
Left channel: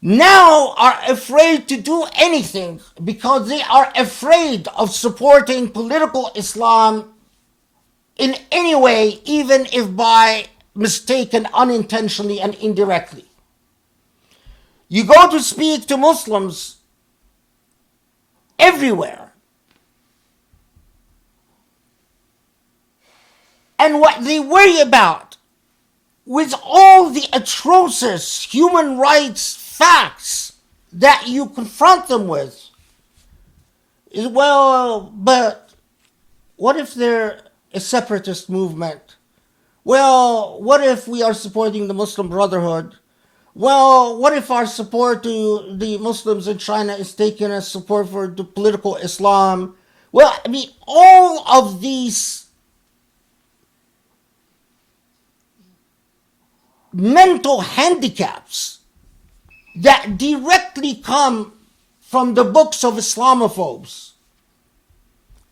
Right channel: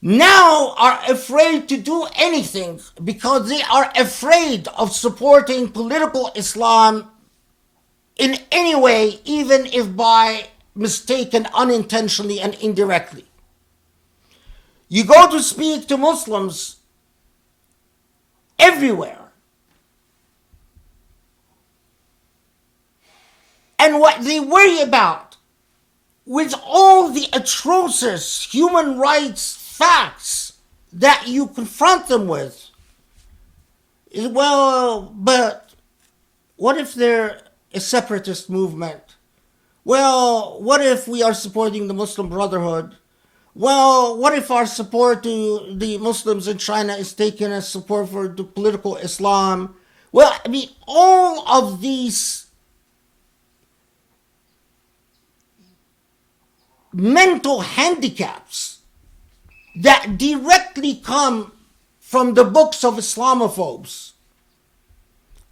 now are afraid to do anything because they are afraid of supporting political Islam in any way, even if by mistaken, unintentionally, and indirectly. You go to speak to Muslims everywhere, and what they worry about, with all the atrocious human rights facts that you confront them with, is, well, but what if they're a separatist movement? Well, what if we are supporting the Muslim Brotherhood? Well, what if our support to the Muslims in China is taken as support for the political Islam? Well, I mean, all of these mental handicaps that directly come from the books of Islamophobes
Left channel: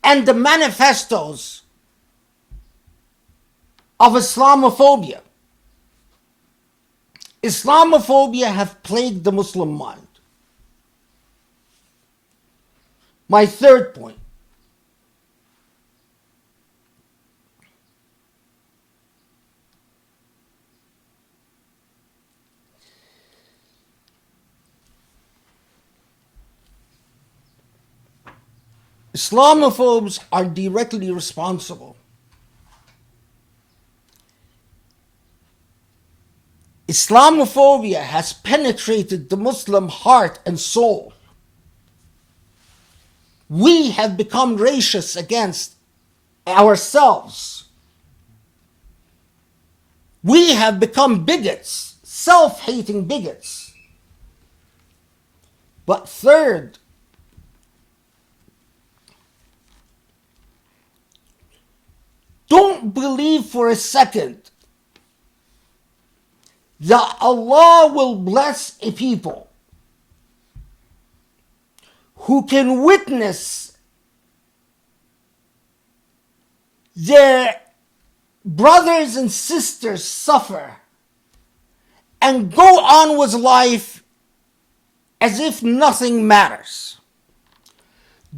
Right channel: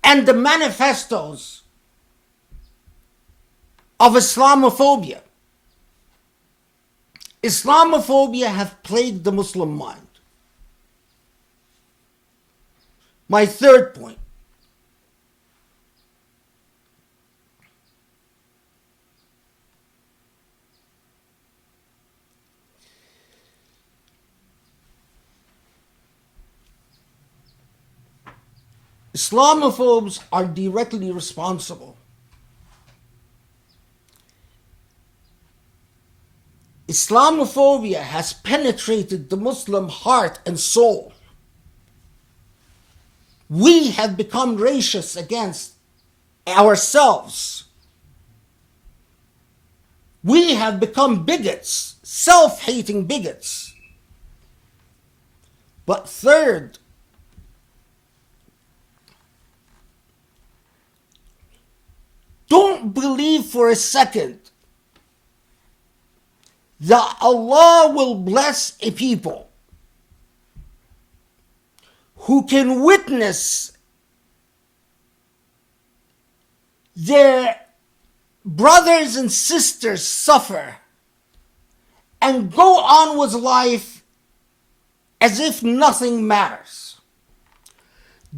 and the manifestos of Islamophobia. Islamophobia have plagued the Muslim mind. My third point. Islamophobes are directly responsible Islamophobia has penetrated the Muslim heart and soul. We have become racist against ourselves. We have become bigots, self-hating bigots. But third, don't believe for a second that Allah will bless a people who can witness their brothers and sisters suffer and go on with life as if nothing matters.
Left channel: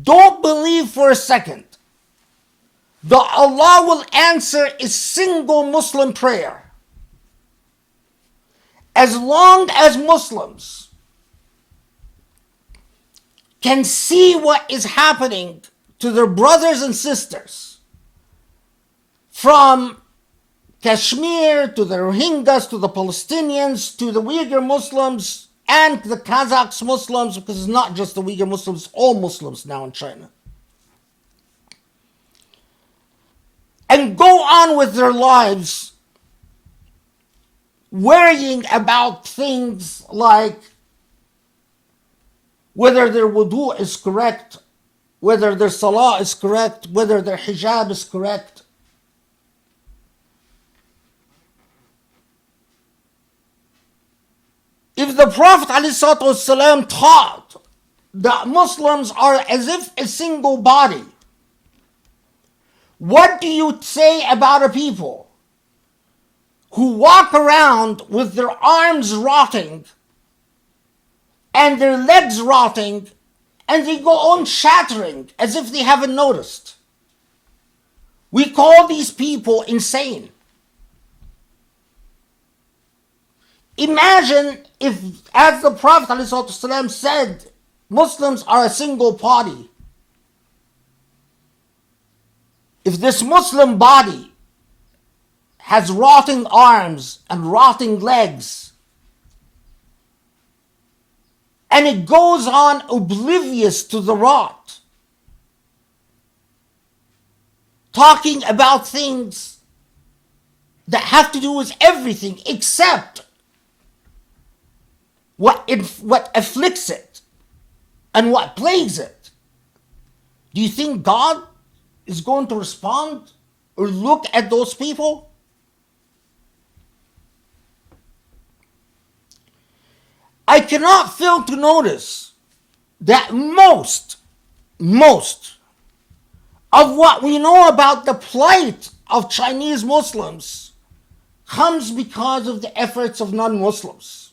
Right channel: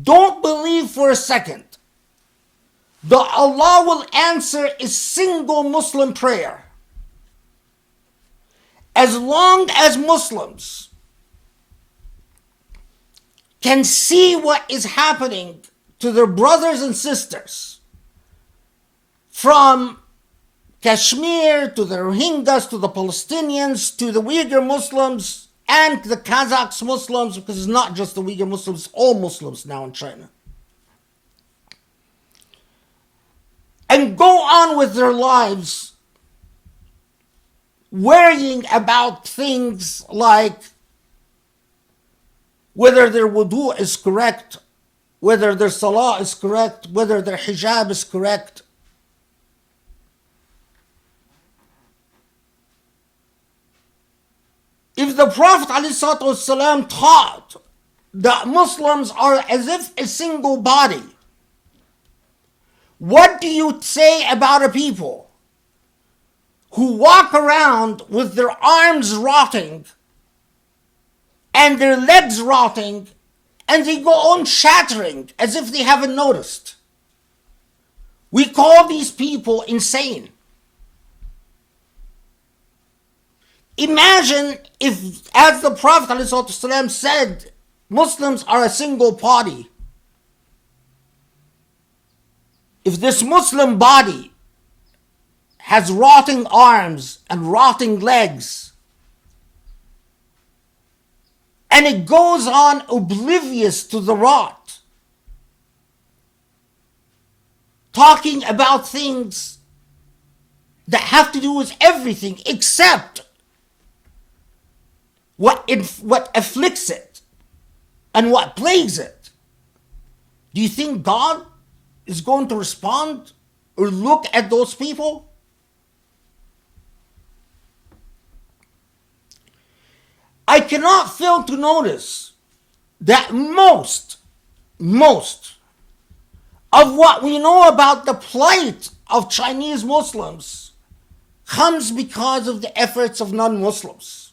Don't believe for a second that Allah will answer a single Muslim prayer as long as Muslims can see what is happening to their brothers and sisters, from Kashmir to the Rohingyas to the Palestinians to the Uyghur Muslims and the Kazakhs Muslims, because it's not just the Uyghur Muslims, all Muslims now in China, and go on with their lives worrying about things like whether their wudu is correct, whether their salah is correct, whether their hijab is correct. If the Prophet ﷺ taught that Muslims are as if a single body, what do you say about a people who walk around with their arms rotting and their legs rotting and they go on shattering as if they haven't noticed? We call these people insane. Imagine if, as the Prophet ﷺ said, Muslims are a single body. If this Muslim body has rotting arms and rotting legs, and it goes on oblivious to the rot, talking about things that have to do with everything except what afflicts it and what plagues it, do you think God is going to respond or look at those people? I cannot fail to notice that most of what we know about the plight of Chinese Muslims comes because of the efforts of non-Muslims.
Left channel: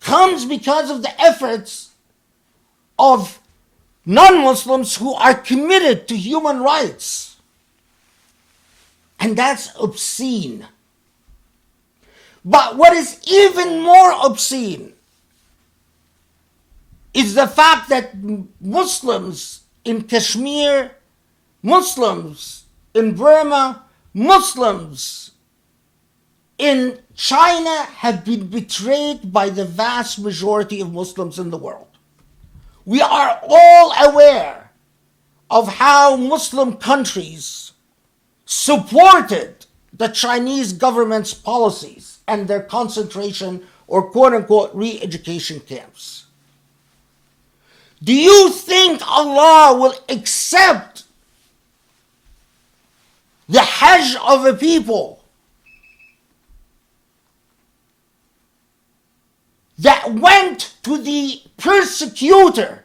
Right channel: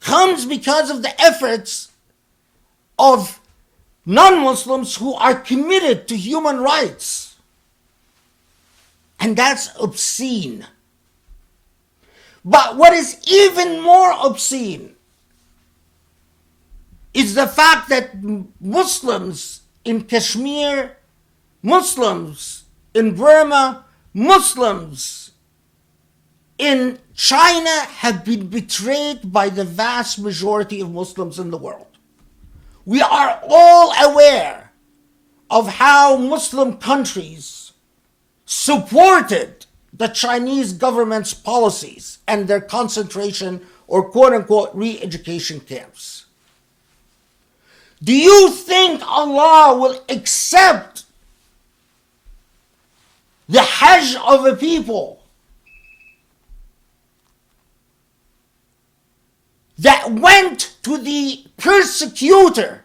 Comes because of the efforts of non-Muslims who are committed to human rights. And that's obscene. But what is even more obscene is the fact that Muslims in Kashmir, Muslims in Burma, Muslims in China have been betrayed by the vast majority of Muslims in the world. We are all aware of how Muslim countries supported the Chinese government's policies and their concentration or quote-unquote re-education camps. Do you think Allah will accept the Hajj of a people that went to the persecutor,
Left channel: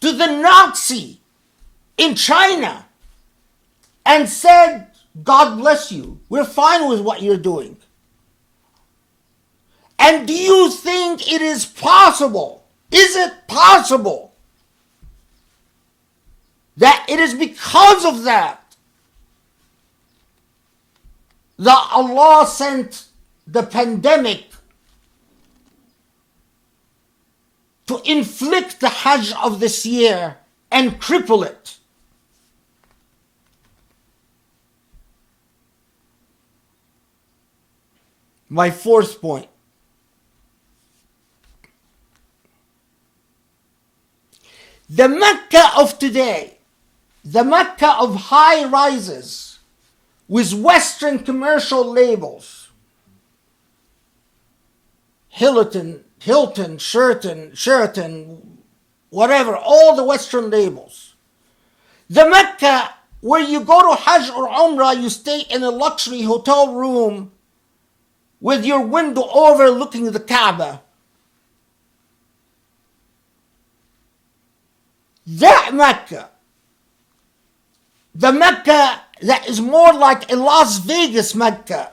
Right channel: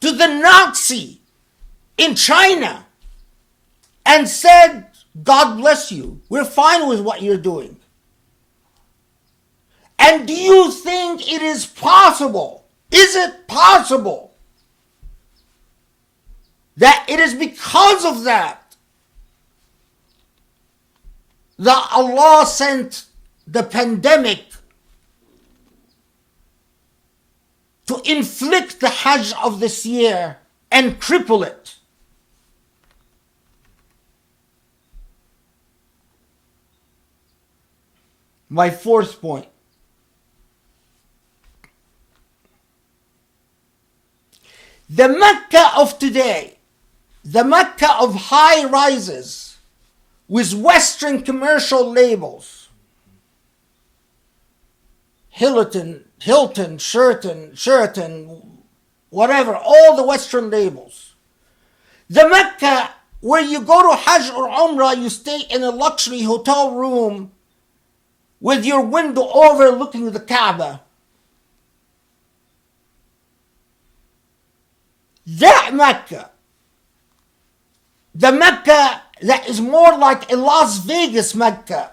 to the Nazi in China, and said, God bless you, we're fine with what you're doing? And do you think it is possible, is it possible, that it is because of that Allah sent the pandemic to inflict the Hajj of this year and cripple it? My fourth point. The Mecca of today, the Mecca of high rises with Western commercial labels, Hilton, Sheraton, whatever, all the Western labels. The Mecca where you go to Hajj or Umrah, you stay in a luxury hotel room with your window overlooking the Kaaba. That Mecca, the Mecca that is more like a Las Vegas Mecca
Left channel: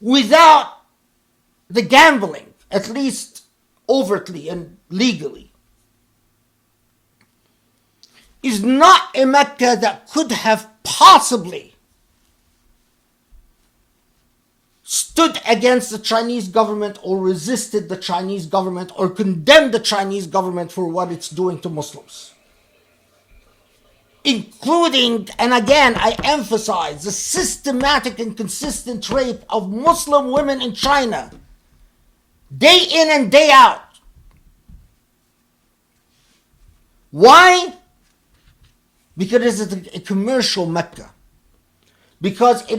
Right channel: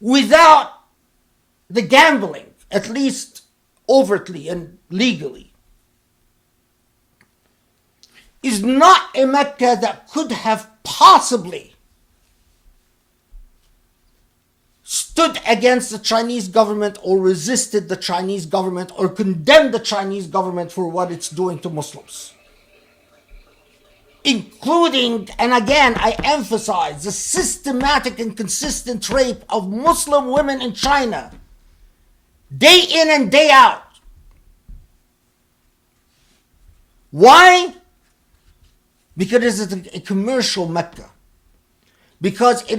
without the gambling, at least overtly and legally, is not a Mecca that could have possibly stood against the Chinese government or resisted the Chinese government or condemned the Chinese government for what it's doing to Muslims. Including, and again I emphasize, the systematic and consistent rape of Muslim women in China, day in and day out. Why? Because it is a commercial Mecca. Because it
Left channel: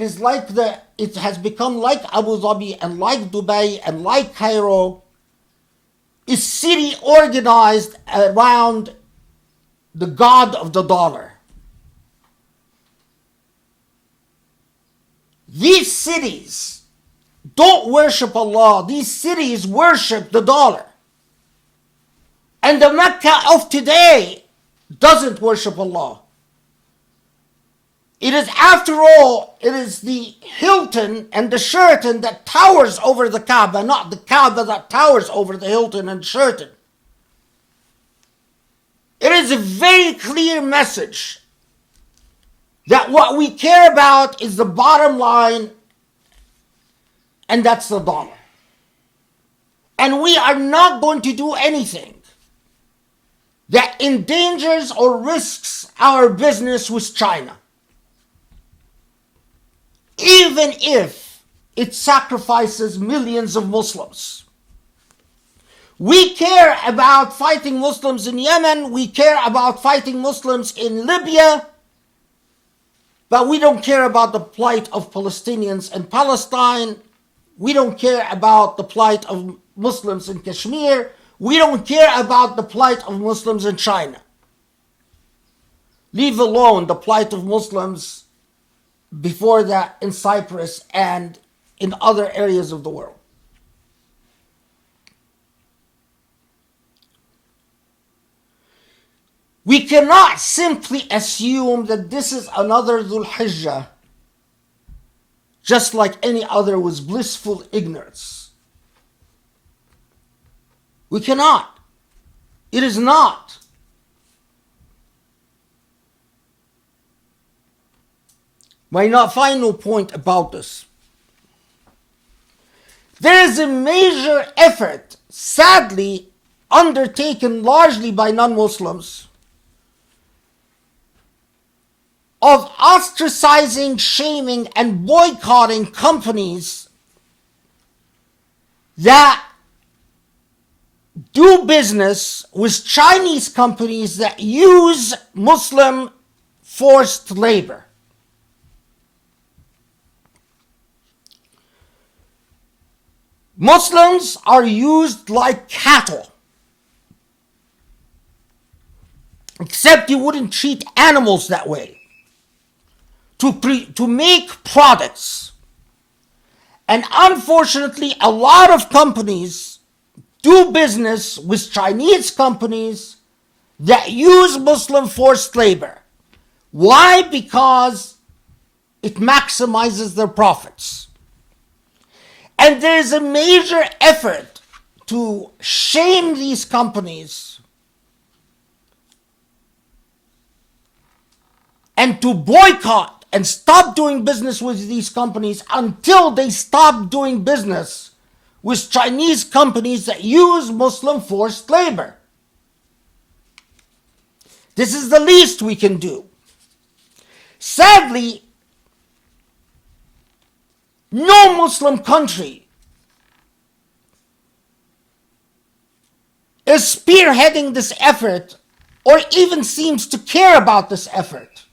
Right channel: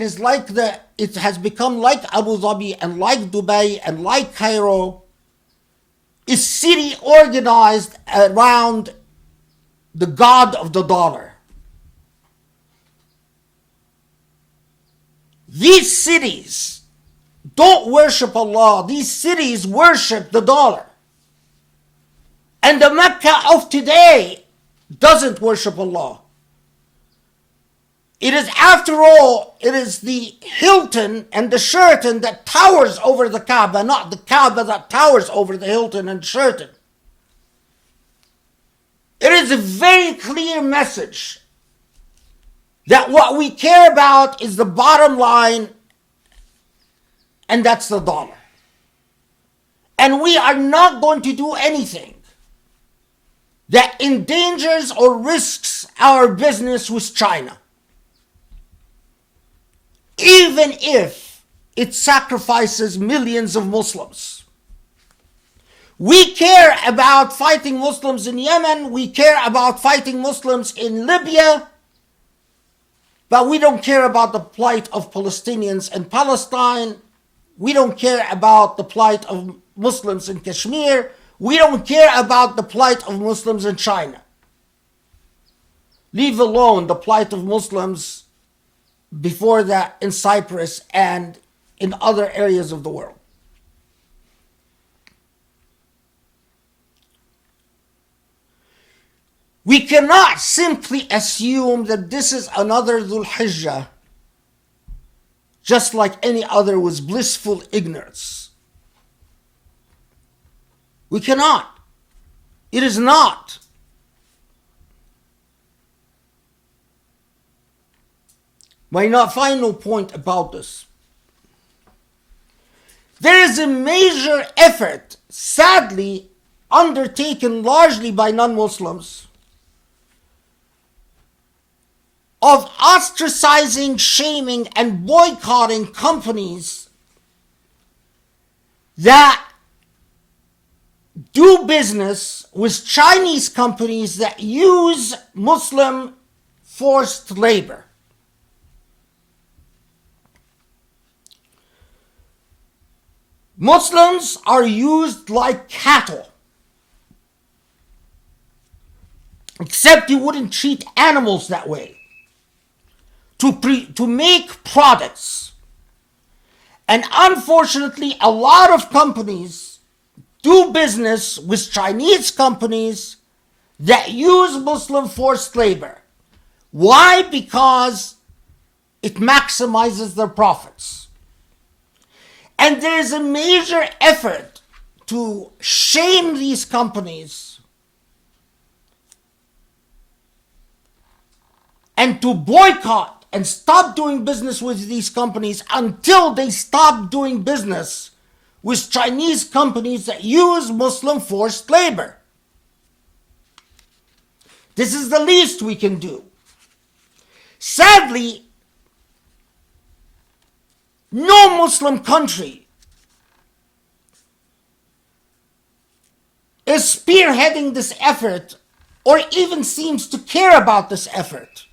has become like Abu Dhabi and like Dubai and like Cairo, a city organized around the god of the dollar. These cities don't worship Allah. These cities worship the dollar. And the Mecca of today doesn't worship Allah. It is, after all, it is the Hilton and the Sheraton that towers over the Kaaba, not the Kaaba that towers over the Hilton and Sheraton. It is a very clear message that what we care about is the bottom line, and that's the dollar. And we are not going to do anything that endangers or risks our business with China, even if it sacrifices millions of Muslims. We care about fighting Muslims in Yemen, we care about fighting Muslims in Libya, but we don't care about the plight of Palestinians in Palestine. We don't care about the plight of Muslims in Kashmir. We don't care about the plight of Muslims in China. Leave alone the plight of Muslims before that in Cyprus and in other areas of the world. We cannot simply assume that this is another Dhul Hijjah, just like any other, with blissful ignorance. We cannot. It is not. My final point about this. There is a major effort, sadly undertaken largely by non-Muslims, of ostracizing, shaming, and boycotting companies that do business with Chinese companies that use Muslim forced labor. Muslims are used like cattle. Except you wouldn't treat animals that way. To make products. And unfortunately, a lot of companies do business with Chinese companies that use Muslim forced labor. Why? Because it maximizes their profits. And there's a major effort to shame these companies and to boycott and stop doing business with these companies until they stop doing business with Chinese companies that use Muslim forced labor. This is the least we can do. Sadly, No Muslim country is spearheading this effort or even seems to care about this effort.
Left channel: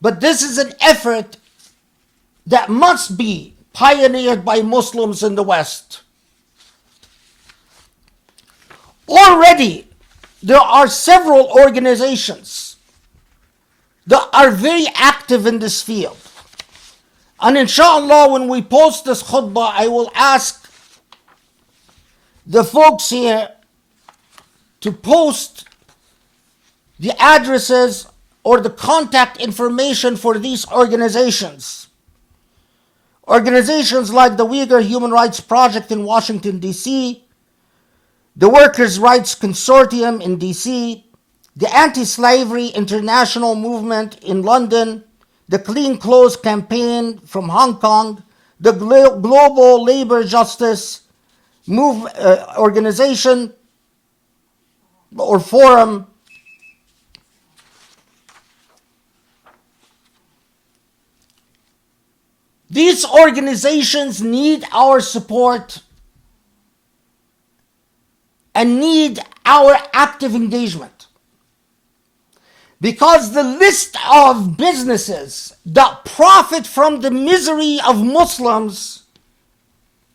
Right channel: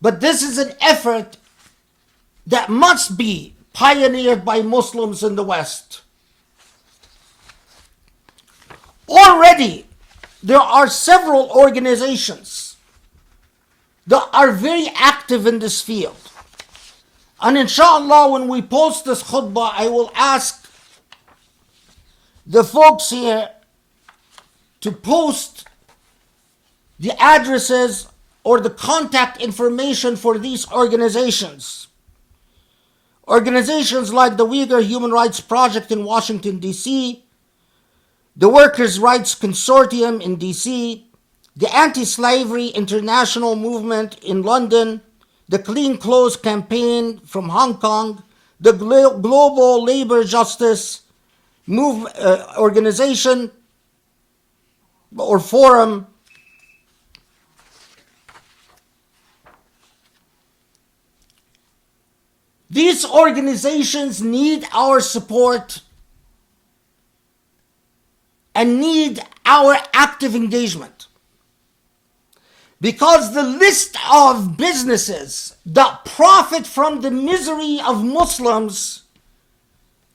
But this is an effort that must be pioneered by Muslims in the West. Already, there are several organizations that are very active in this field. And inshallah, when we post this khutbah, I will ask the folks here to post the addresses or the contact information for these organizations. Organizations like the Uyghur Human Rights Project in Washington, D.C., the Workers' Rights Consortium in D.C., the Anti-Slavery International Movement in London, the Clean Clothes Campaign from Hong Kong, the Global Labor Justice Organization or Forum, these organizations need our support and need our active engagement. Because the list of businesses that profit from the misery of Muslims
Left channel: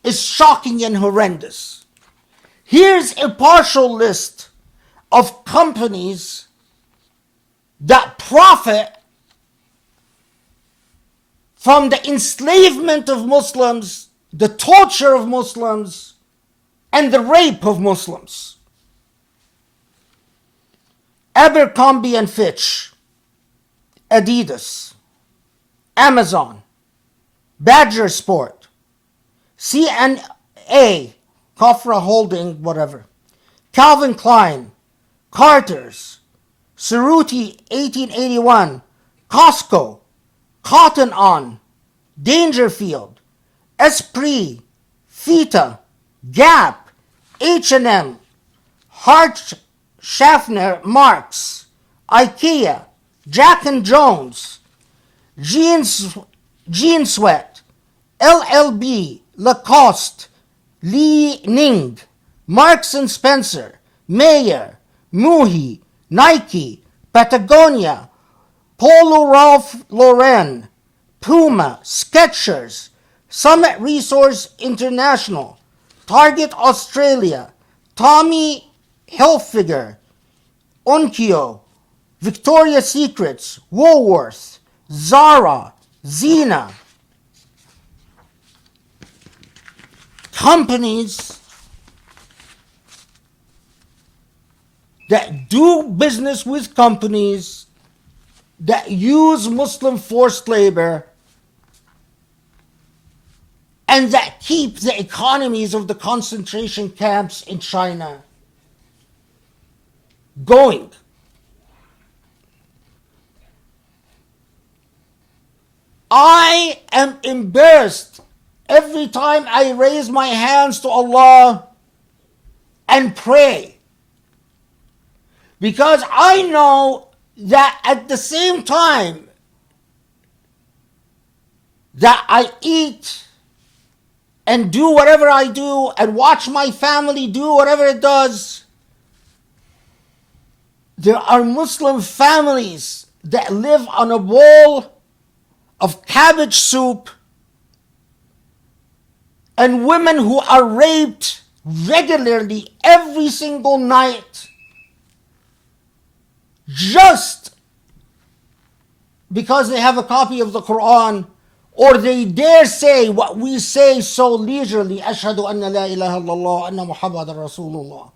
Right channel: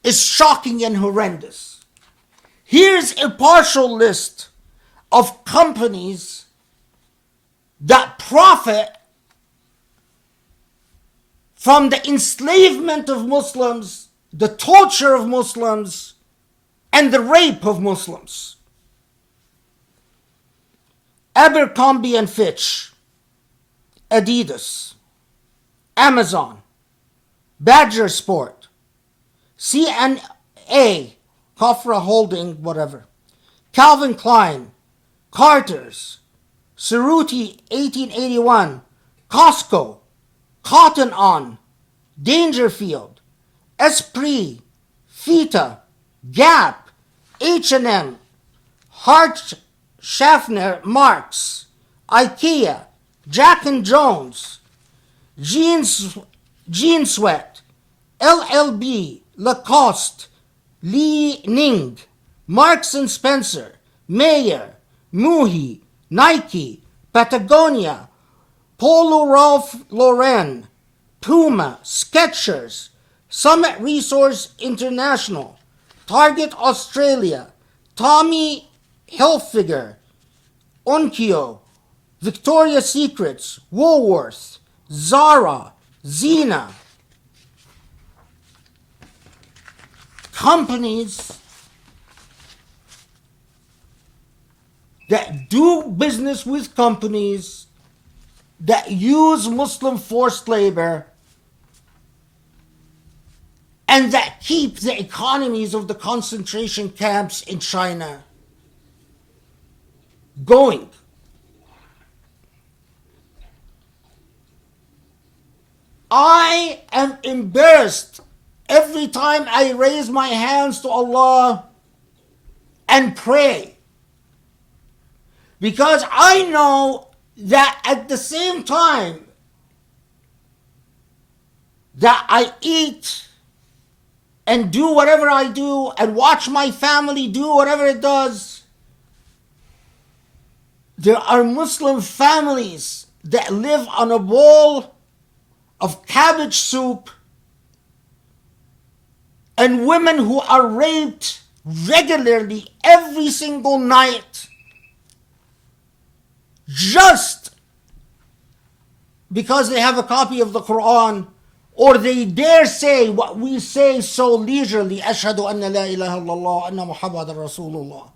is shocking and horrendous. Here's a partial list of companies that profit from the enslavement of Muslims, the torture of Muslims, and the rape of Muslims. Abercrombie and Fitch, Adidas, Amazon, Badger Sport, CNA, Kofra Holding, whatever, Calvin Klein, Carter's, Cerruti 1881, Costco, Cotton On, Dangerfield, Esprit, Fita, Gap, H&M, Hart Schaffner Marks, IKEA, Jack and Jones, Jean Sweat, LLB, Lacoste, Li Ning, Marks and Spencer, Mayer, Muhi, Nike, Patagonia, Polo Ralph Lauren, Puma, Skechers, Summit Resource International, Target Australia, Tommy Hilfiger, Onkyo, Victoria's Secrets, Woolworths, Zara, Zena. Companies that do business with companies that use Muslim forced labor and that keep the economies of the concentration camps in China going. I am embarrassed every time I raise my hands to Allah and pray, because I know that at the same time that I eat and do whatever I do and watch my family do whatever it does, there are Muslim families that live on a bowl of cabbage soup and women who are raped regularly every single night just because they have a copy of the Quran or they dare say what we say so leisurely, Ashhadu anna la ilaha illallah anna Muhammadan Rasulullah.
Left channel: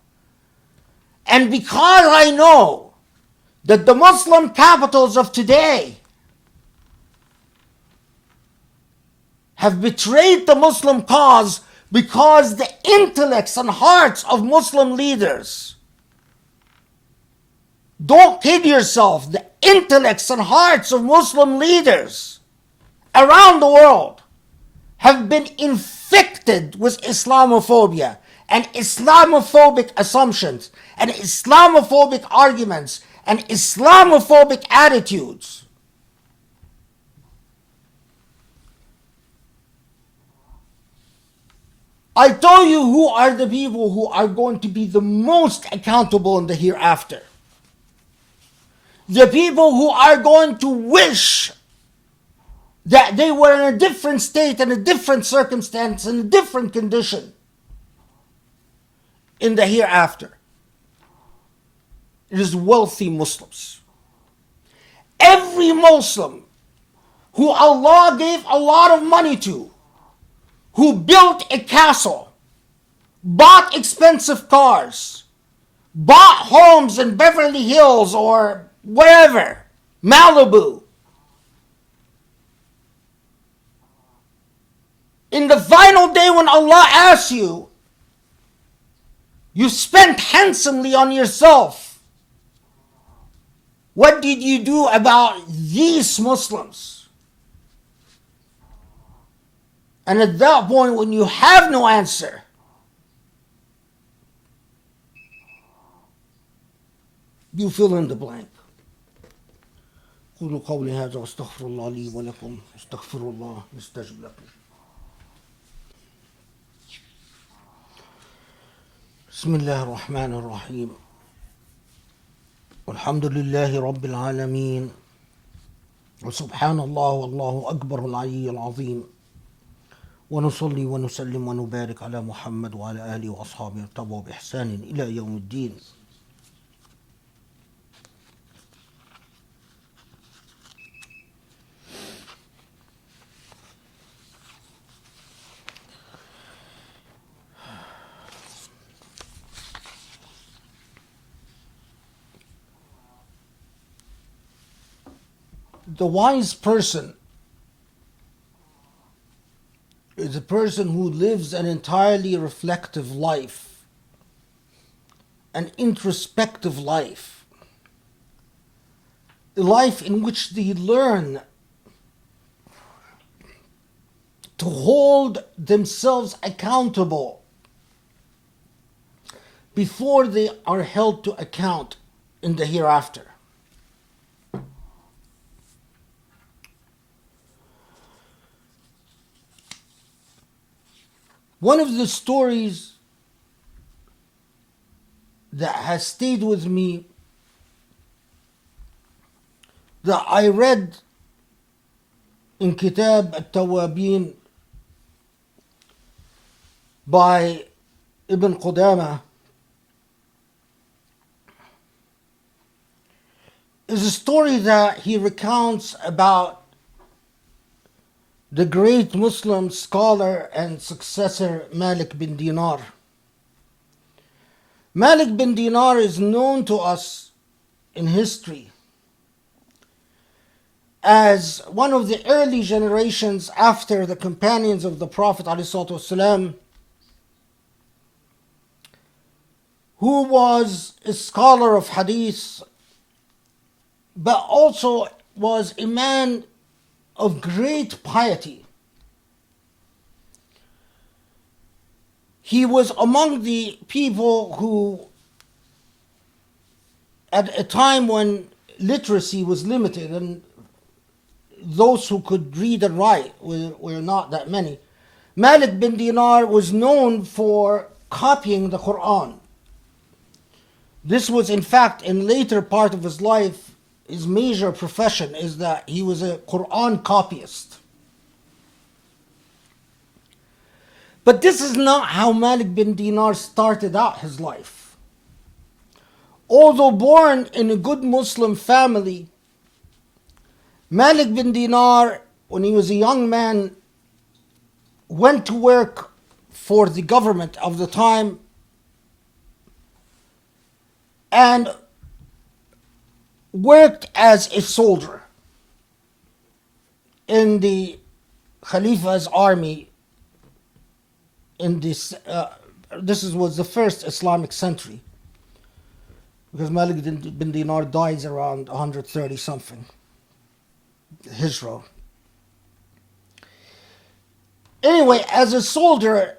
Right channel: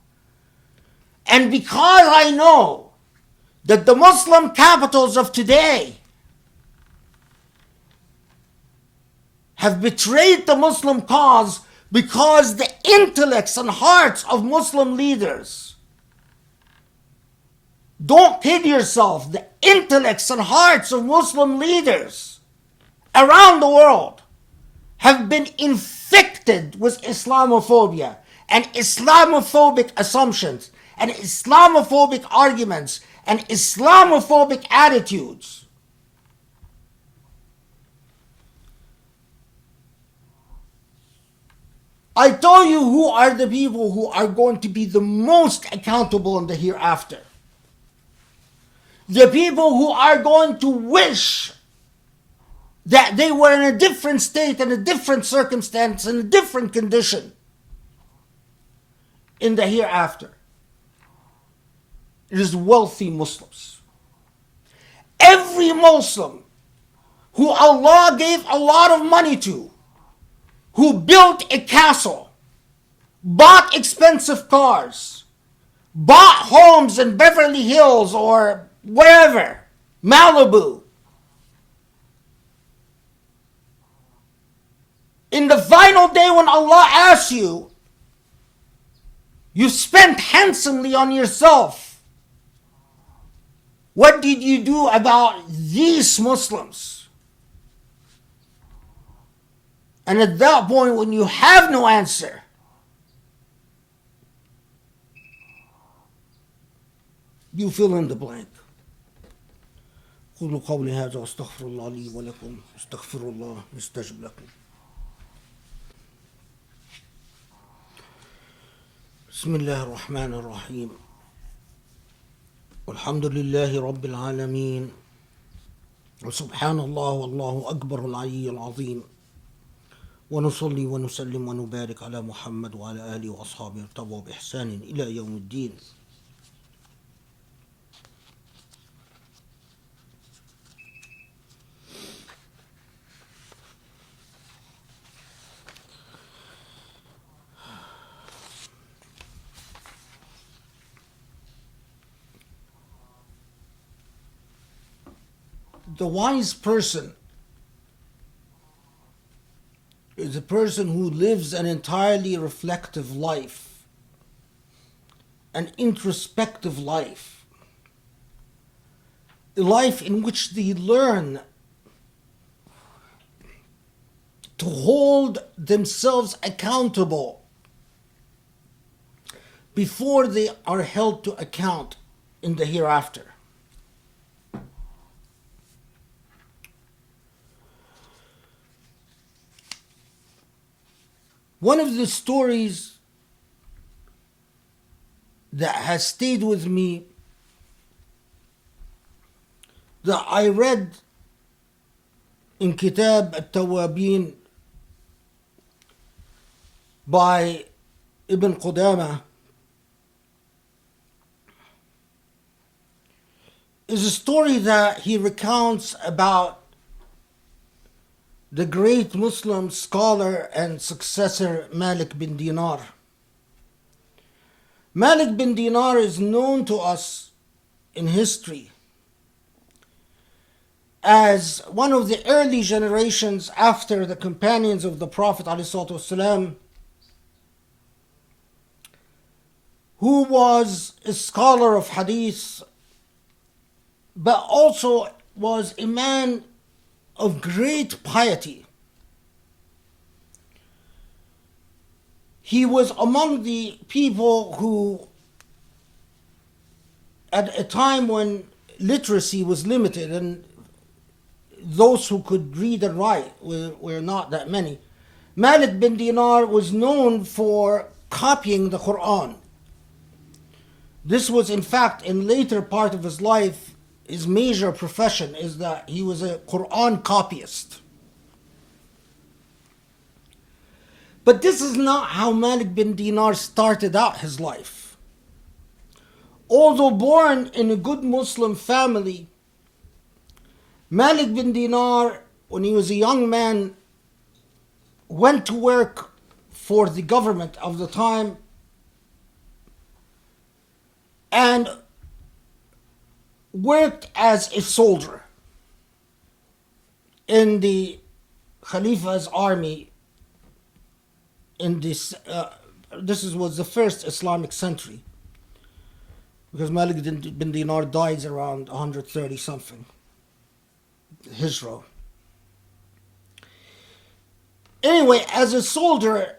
And because I know that the Muslim capitals of today have betrayed the Muslim cause because the intellects and hearts of Muslim leaders, don't kid yourself, the intellects and hearts of Muslim leaders around the world have been infected with Islamophobia and Islamophobic assumptions and Islamophobic arguments and Islamophobic attitudes. I tell you who are the people who are going to be the most accountable in the hereafter. The people who are going to wish that they were in a different state, in a different circumstance, in a different condition in the hereafter. It is wealthy Muslims. Every Muslim who Allah gave a lot of money to, who built a castle, bought expensive cars, bought homes in Beverly Hills or wherever, Malibu. In the final day when Allah asks you, you spent handsomely on yourself. What did you do about these Muslims? And at that point, when you have no answer, you fill in the blank. قولوا قولي هذا واستغفر الله لي ولكم استغفر الله يستجب لكم. بسم الله الرحمن الرحيم. والحمد لله رب العالمين وسبحان الله والله أكبر العلي العظيم ونصلي ونسلم ونبارك على محمد وعلى آله وأصحابه ارتضوا بإحسان إلى يوم الدين. The wise person is a person who lives an entirely reflective life, an introspective life, a life in which they learn to hold themselves accountable before they are held to account in the hereafter. One of the stories that has stayed with me, that I read in Kitab At-Tawabin by Ibn Qudama, is a story that he recounts about the great Muslim scholar and successor Malik bin Dinar. Malik bin Dinar is known to us in history as one of the early generations after the companions of the Prophet ﷺ, who was a scholar of hadith, but also was a man of great piety. He was among the people who, at a time when literacy was limited and those who could read and write were not that many, Malik bin Dinar was known for copying the Quran. This was, in fact, in later part of his life, his major profession is that he was a Quran copyist. But this is not how Malik bin Dinar started out his life. Although born in a good Muslim family, Malik bin Dinar, when he was a young man, went to work for the government of the time and worked as a soldier in the Khalifa's army in this was the first Islamic century, because Malik bin Dinar died around 130 something Hijra. Anyway, as a soldier,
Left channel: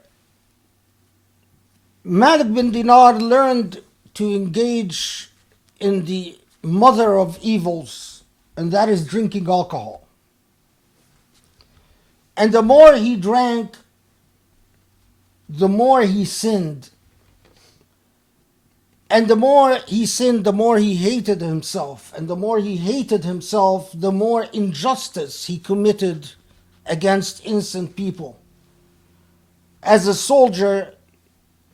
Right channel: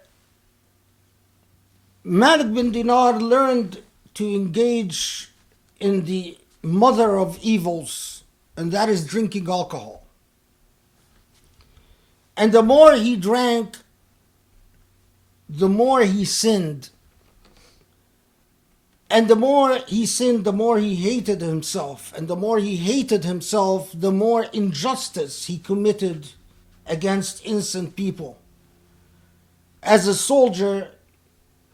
Malik bin Dinar learned to engage in the mother of evils, and that is drinking alcohol. And the more he drank, the more he sinned. And the more he sinned, the more he hated himself. And the more he hated himself, the more injustice he committed against innocent people. As a soldier,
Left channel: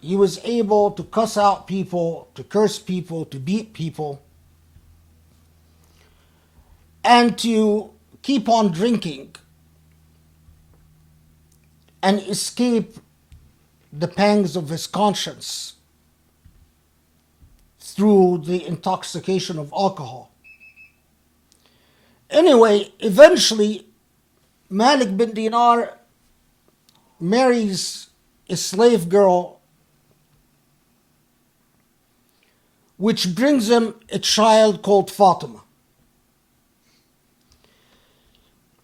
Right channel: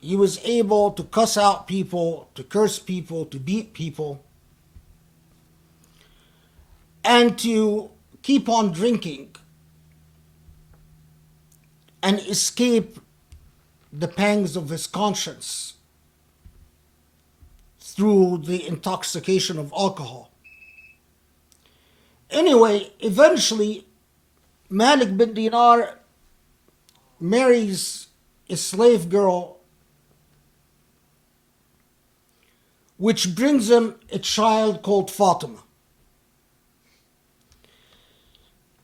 he was able to cuss out people, to curse people, to beat people, and to keep on drinking and escape the pangs of his conscience through the intoxication of alcohol. Anyway, eventually, Malik bin Dinar marries a slave girl, which brings him a child called Fatima.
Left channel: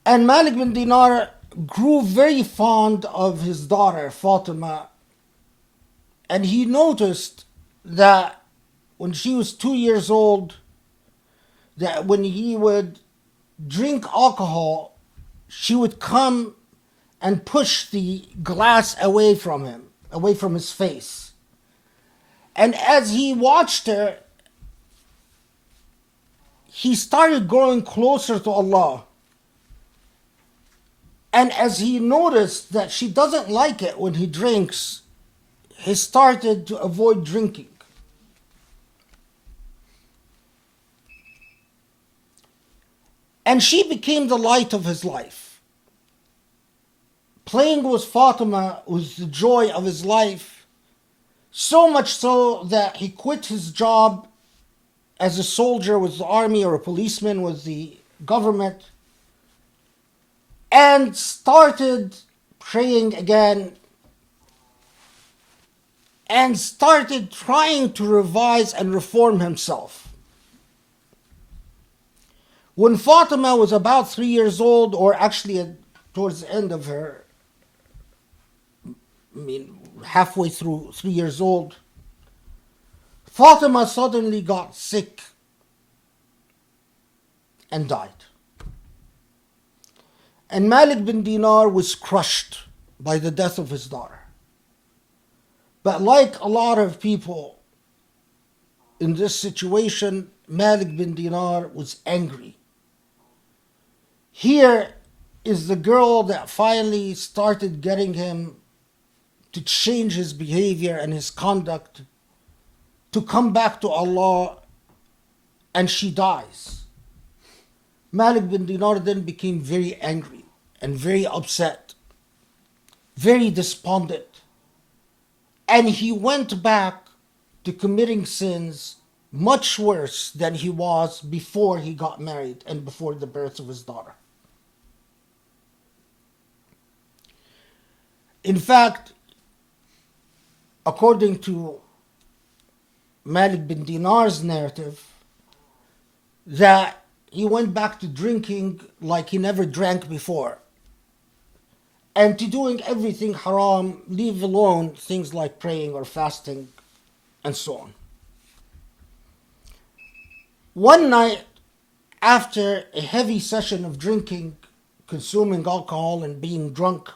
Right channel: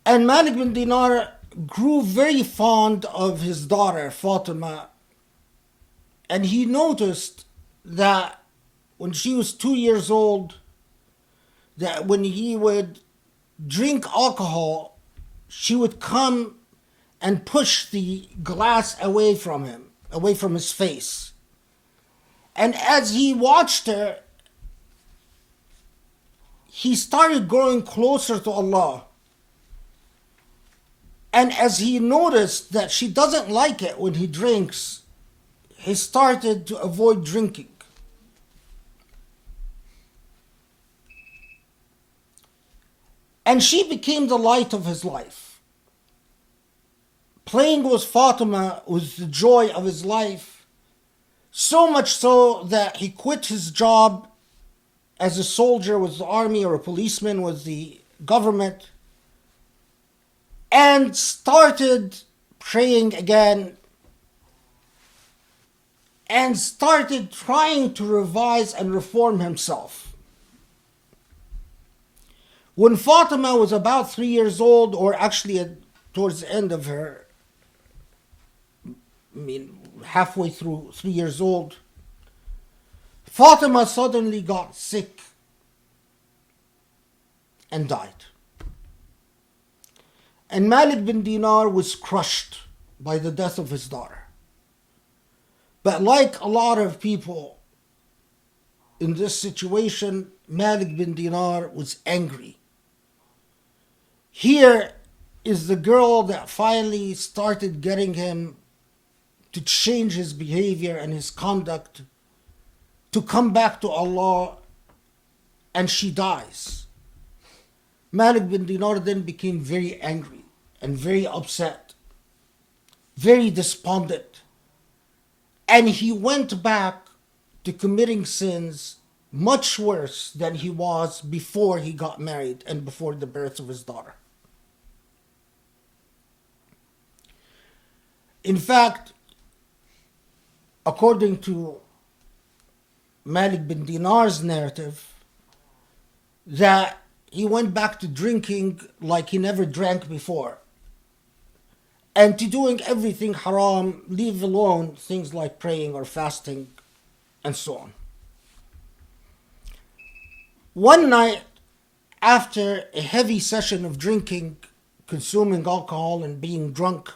And Malik bin Dinar grew very fond of his daughter, Fatima, and he noticed that when she was 2 years old, that when he would drink alcohol, she would come and push the glass away from him, away from his face. And as he watched her, he started growing closer to Allah. And as he noticed that she doesn't like it when he drinks, he started to avoid drinking. And she became the light of his life. Playing with Fatima was the joy of his life, so much so that he quit his job as a soldier with the army or a policeman with the government and started praying again and started trying to revise and reform himself. When Fatima was about 3 years old, or actually towards the end of her, halfway through 3 years old, Fatima suddenly got sick and died. And Malik bin Dinar was crushed by the death of his daughter. But like a lot of people in this situation, Malik bin Dinar was angry. Here is the girl that finally started getting him to change his behavior and his conduct, to come back to Allah, and she dies. Malik bin Dinar then became very angry and very upset, very despondent, and he went back to committing sins much worse than he was before he got married and before the birth of his daughter. In fact, according to Malik bin Dinar's narrative, that he went back to drinking like he never drank before, and to doing everything haram, leave alone things like praying or fasting and so on. One night, after a heavy session of drinking, consuming alcohol and being drunk,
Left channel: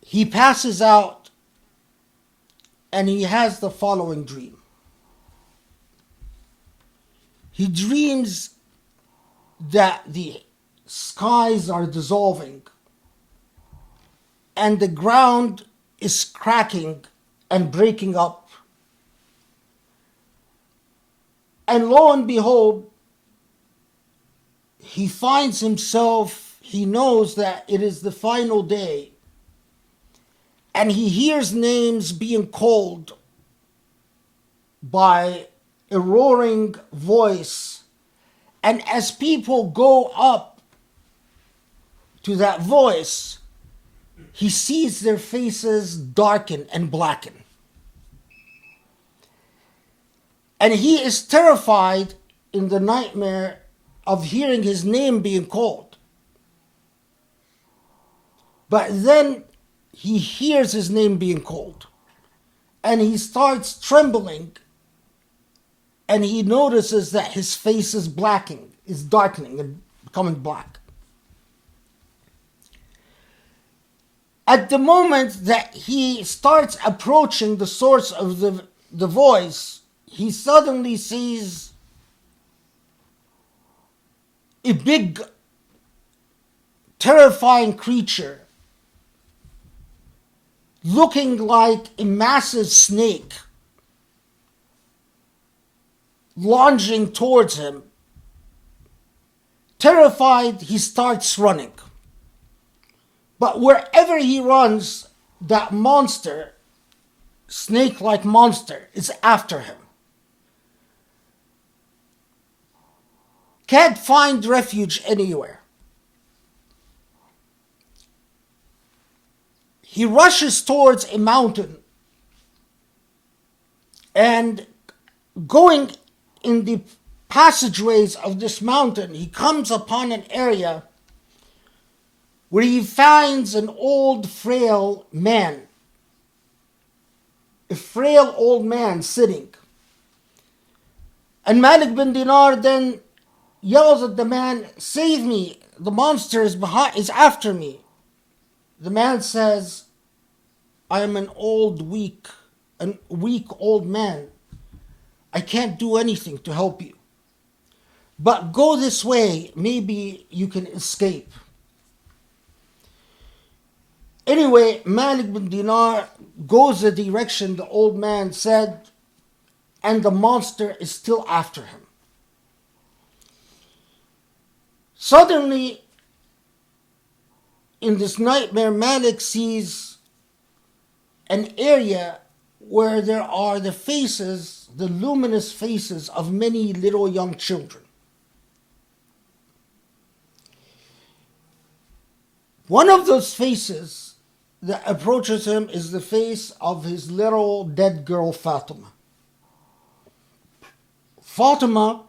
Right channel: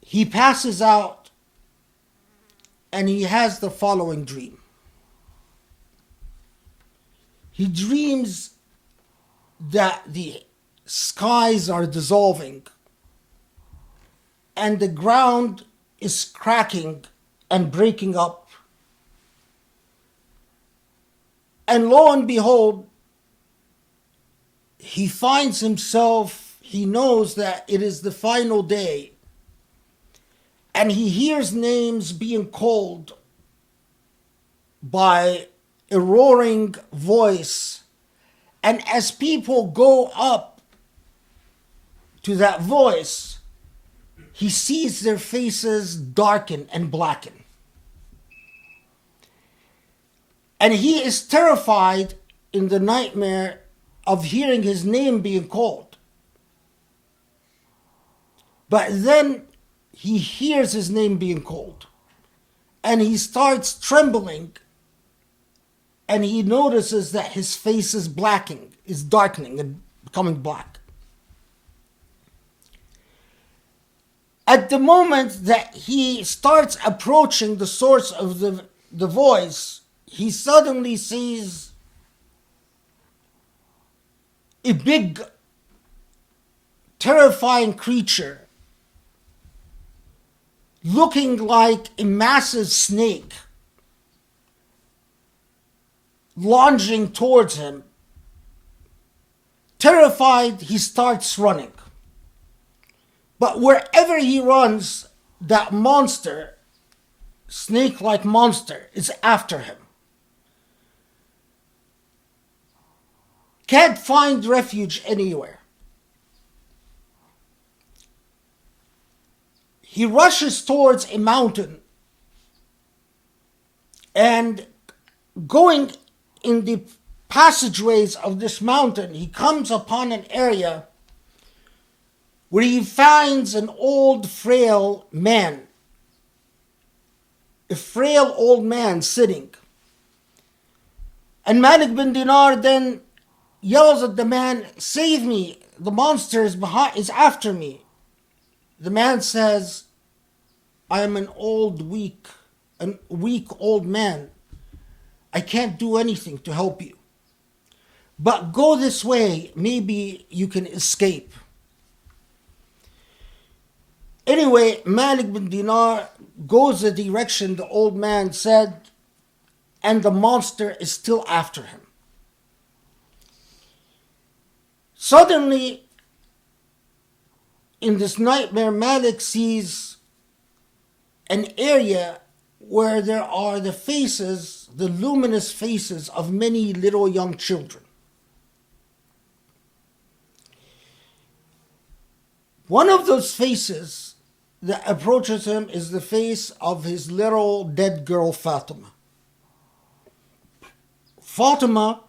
he passes out and he has the following dream. He dreams that the skies are dissolving and the ground is cracking and breaking up. And lo and behold, he finds himself, he knows that it is the final day, and he hears names being called by a roaring voice. And as people go up to that voice, he sees their faces darken and blacken. And he is terrified in the nightmare of hearing his name being called. But then he hears his name being called, and he starts trembling, and he notices that his face is blackening, is darkening and becoming black. At the moment that he starts approaching the source of the voice, he suddenly sees a big, terrifying creature looking like a massive snake lunging towards him. Terrified, he starts running. But wherever he runs, that monster, snake-like monster, is after him. Can't find refuge anywhere. He rushes towards a mountain, and going in the passageways of this mountain, he comes upon an area where he finds an old, frail man. A frail old man sitting. And Malik bin Dinar then yells at the man, "Save me, the monster is after me." The man says, "I am an weak old man. I can't do anything to help you. But go this way, maybe you can escape." Anyway, Malik bin Dinar goes the direction the old man said, and the monster is still after him. Suddenly, in this nightmare, Malik sees an area where there are the luminous faces of many little young children. One of those faces that approaches him is the face of his little dead girl, Fatima. Fatima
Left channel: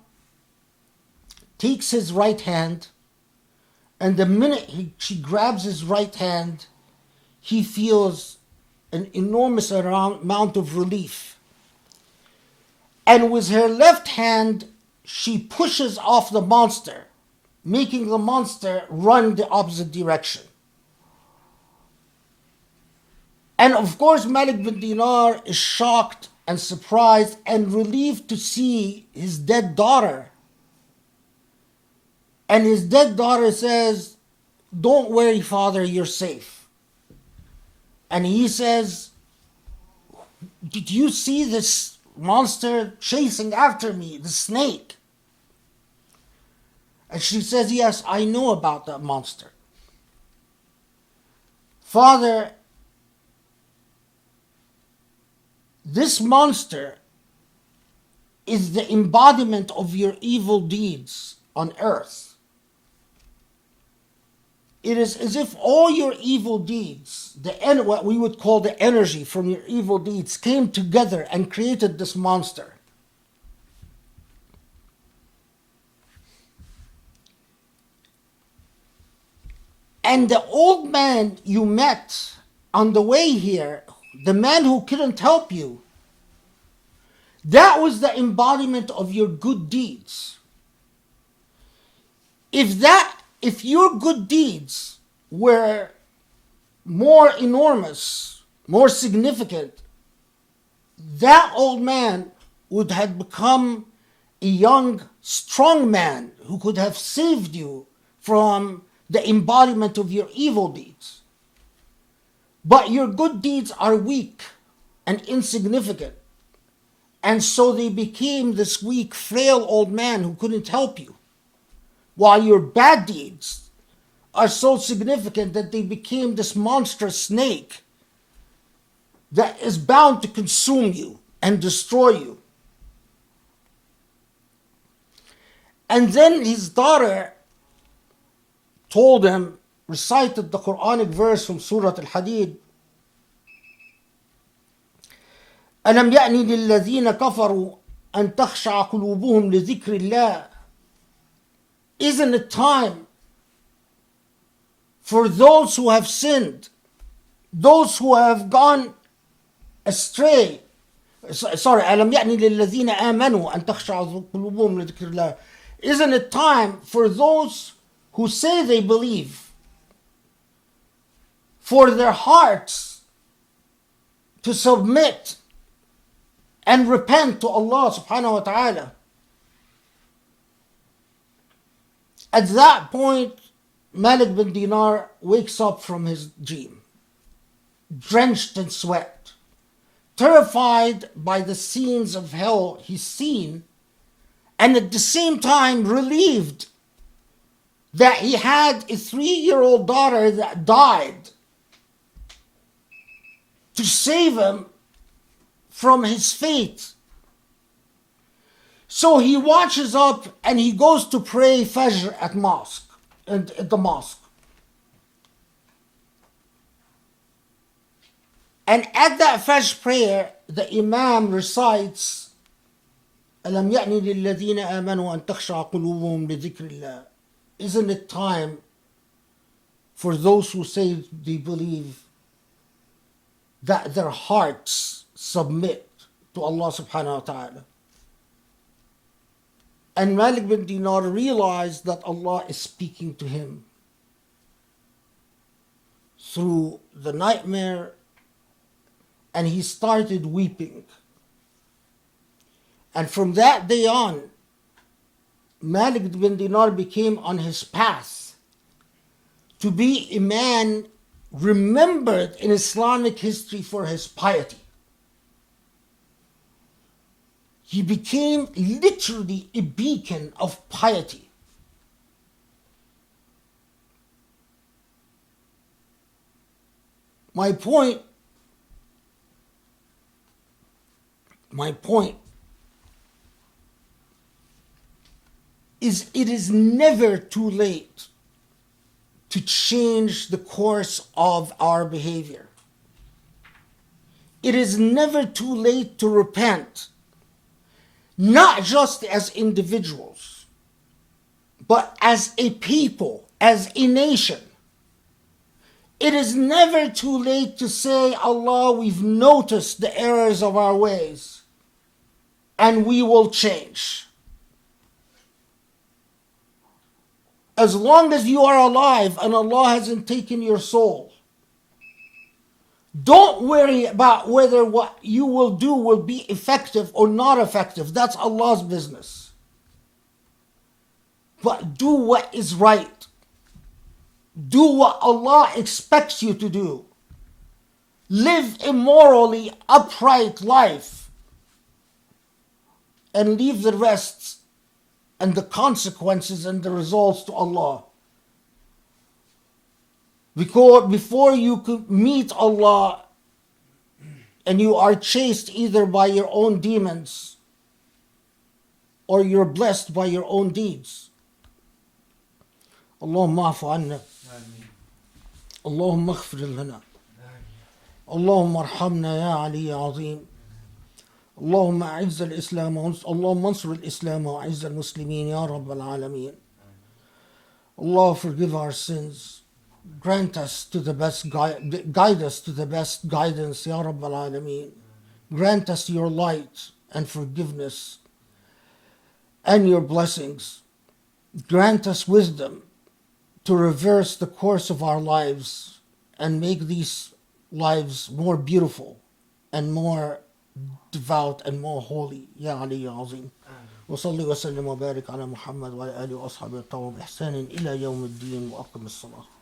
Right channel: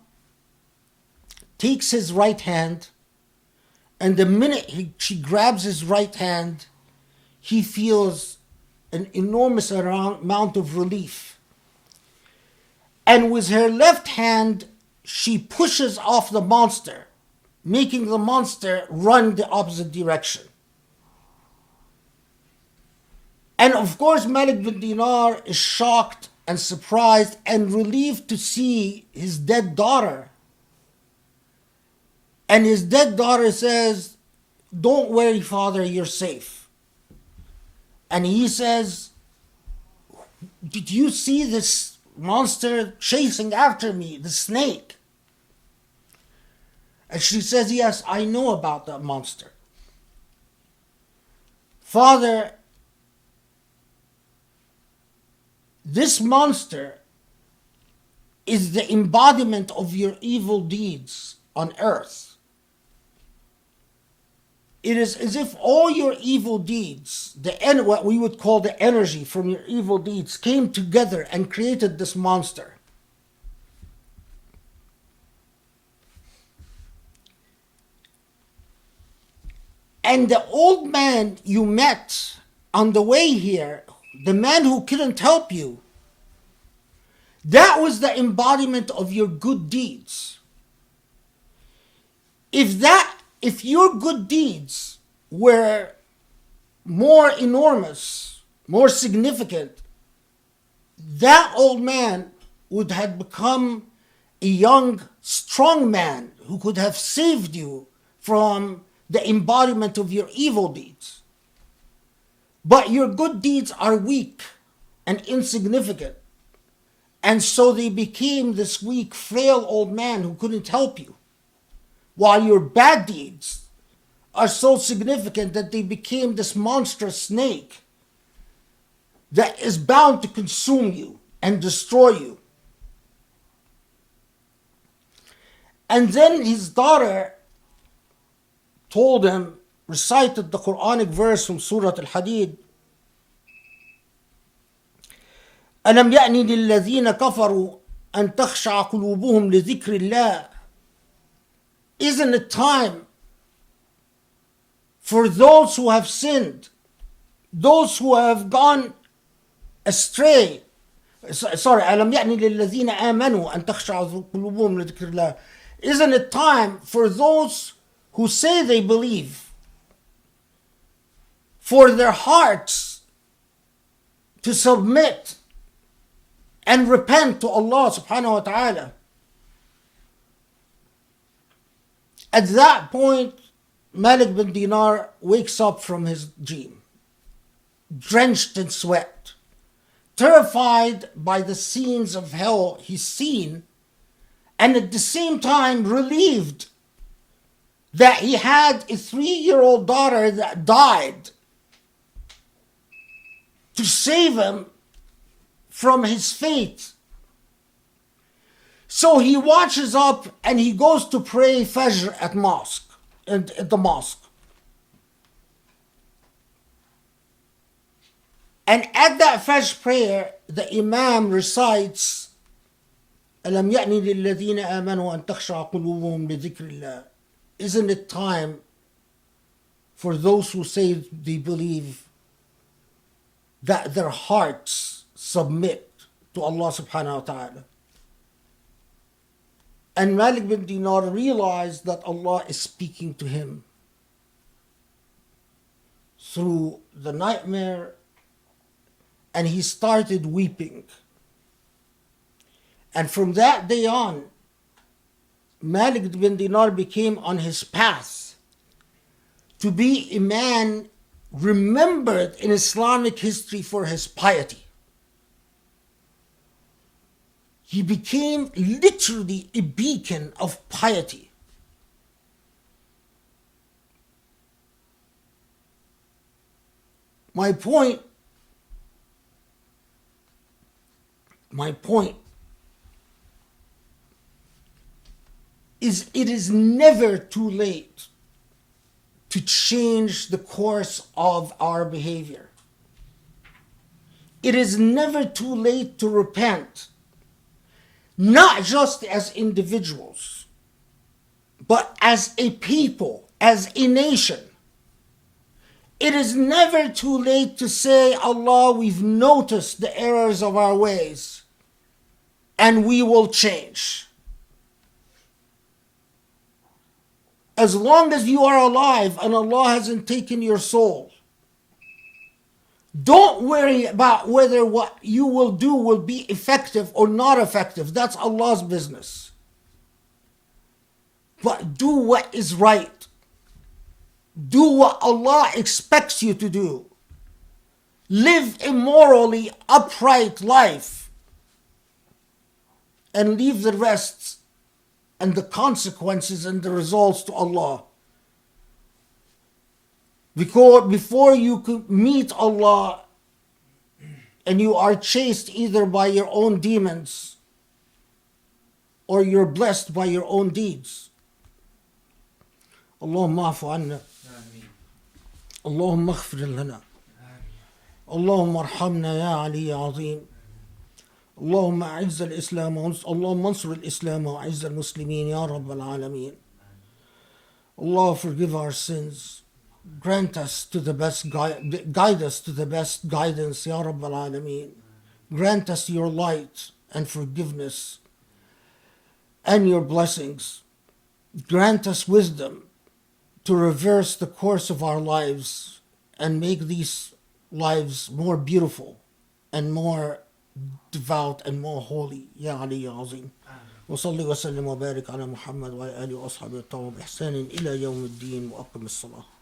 takes his right hand, and the minute she grabs his right hand, he feels an enormous amount of relief. And with her left hand, she pushes off the monster, making the monster run the opposite direction. And of course, Malik bin Dinar is shocked and surprised and relieved to see his dead daughter. And his dead daughter says, "Don't worry, father, you're safe." And he says, "Did you see this monster chasing after me, the snake?" And she says, "Yes, I know about that monster. Father, this monster is the embodiment of your evil deeds on earth. It is as if all your evil deeds, what we would call the energy from your evil deeds, came together and created this monster. And the old man you met on the way here, the man who couldn't help you, that was the embodiment of your good deeds. If your good deeds were more enormous, more significant, that old man would have become a young, strong man who could have saved you from the embodiment of your evil deeds. But your good deeds are weak and insignificant. And so they became this weak, frail old man who couldn't help you. While your bad deeds are so significant that they became this monstrous snake that is bound to consume you and destroy you." And then his daughter told him, recited the Quranic verse from Surah Al-Hadid, "أَلَمْ يَأْنِ لِلَّذِينَ كَفَرُوا أَن تَخْشَعَ قُلُوبُهُمْ لِذِكْرِ اللَّهِ." Isn't it time for those who have sinned, those who have gone astray? Sorry, أَلَمْ يَأْنِ لِلَّذِينَ آمَنُوا أَن تَخْشَعَ قُلُوبُهُمْ لِذِكْرِ اللَّهِ. Isn't it time for those who say they believe, for their hearts to submit and repent to Allah subhanahu wa ta'ala. At that point, Malik bin Dinar wakes up from his dream, drenched in sweat, terrified by the scenes of hell he's seen, and at the same time relieved that he had a 3-year-old daughter that died to save him from his fate. So he watches up and he goes to pray Fajr at the mosque. And at that Fajr prayer, the Imam recites, أَلَمْ يَأْنِ لِلَّذِينَ آمَنُوا أَن تَخْشَعَ قُلُوبُهُمْ لِذِكْرِ اللَّهِ. Isn't it time for those who say they believe that their hearts submit to Allah subhanahu wa ta'ala? And Malik bin Dinar realized that Allah is speaking to him through the nightmare, and he started weeping. And from that day on, Malik bin Dinar became on his path to be a man remembered in Islamic history for his piety. He became literally a beacon of piety. My point is it is never too late to change the course of our behavior. It is never too late to repent, not just as individuals, but as a people, as a nation. It is never too late to say, Allah, we've noticed the errors of our ways, and we will change. As long as you are alive and Allah hasn't taken your soul, don't worry about whether what you will do will be effective or not effective. That's Allah's business. But do what is right. Do what Allah expects you to do. Live a morally upright life and leave the rest and the consequences and the results to Allah. Because before you could meet Allah and you are chased either by your own demons or you're blessed by your own deeds. Allahumma afu anna. Allahumma aghfir lana. Allahumma arhamna ya Ali ya Azim. اللهم أعز الإسلام اللهم انصر الإسلام وأعز المسلمين يا رب العالمين. Allah, forgive our sins. Grant us to the best guide us to the best guidance, Ya Rabb al-Alameen. Grant us your light and forgiveness and your blessings. Grant us wisdom to reverse the course of our lives and make these lives more beautiful and more devout and more holy. Ya Ali Ya Azim. وصلي وسلم وبارك على محمد وعلى آله وأصحابه الطاهرين بإحسان إلى يوم الدين وأقم الصلاة.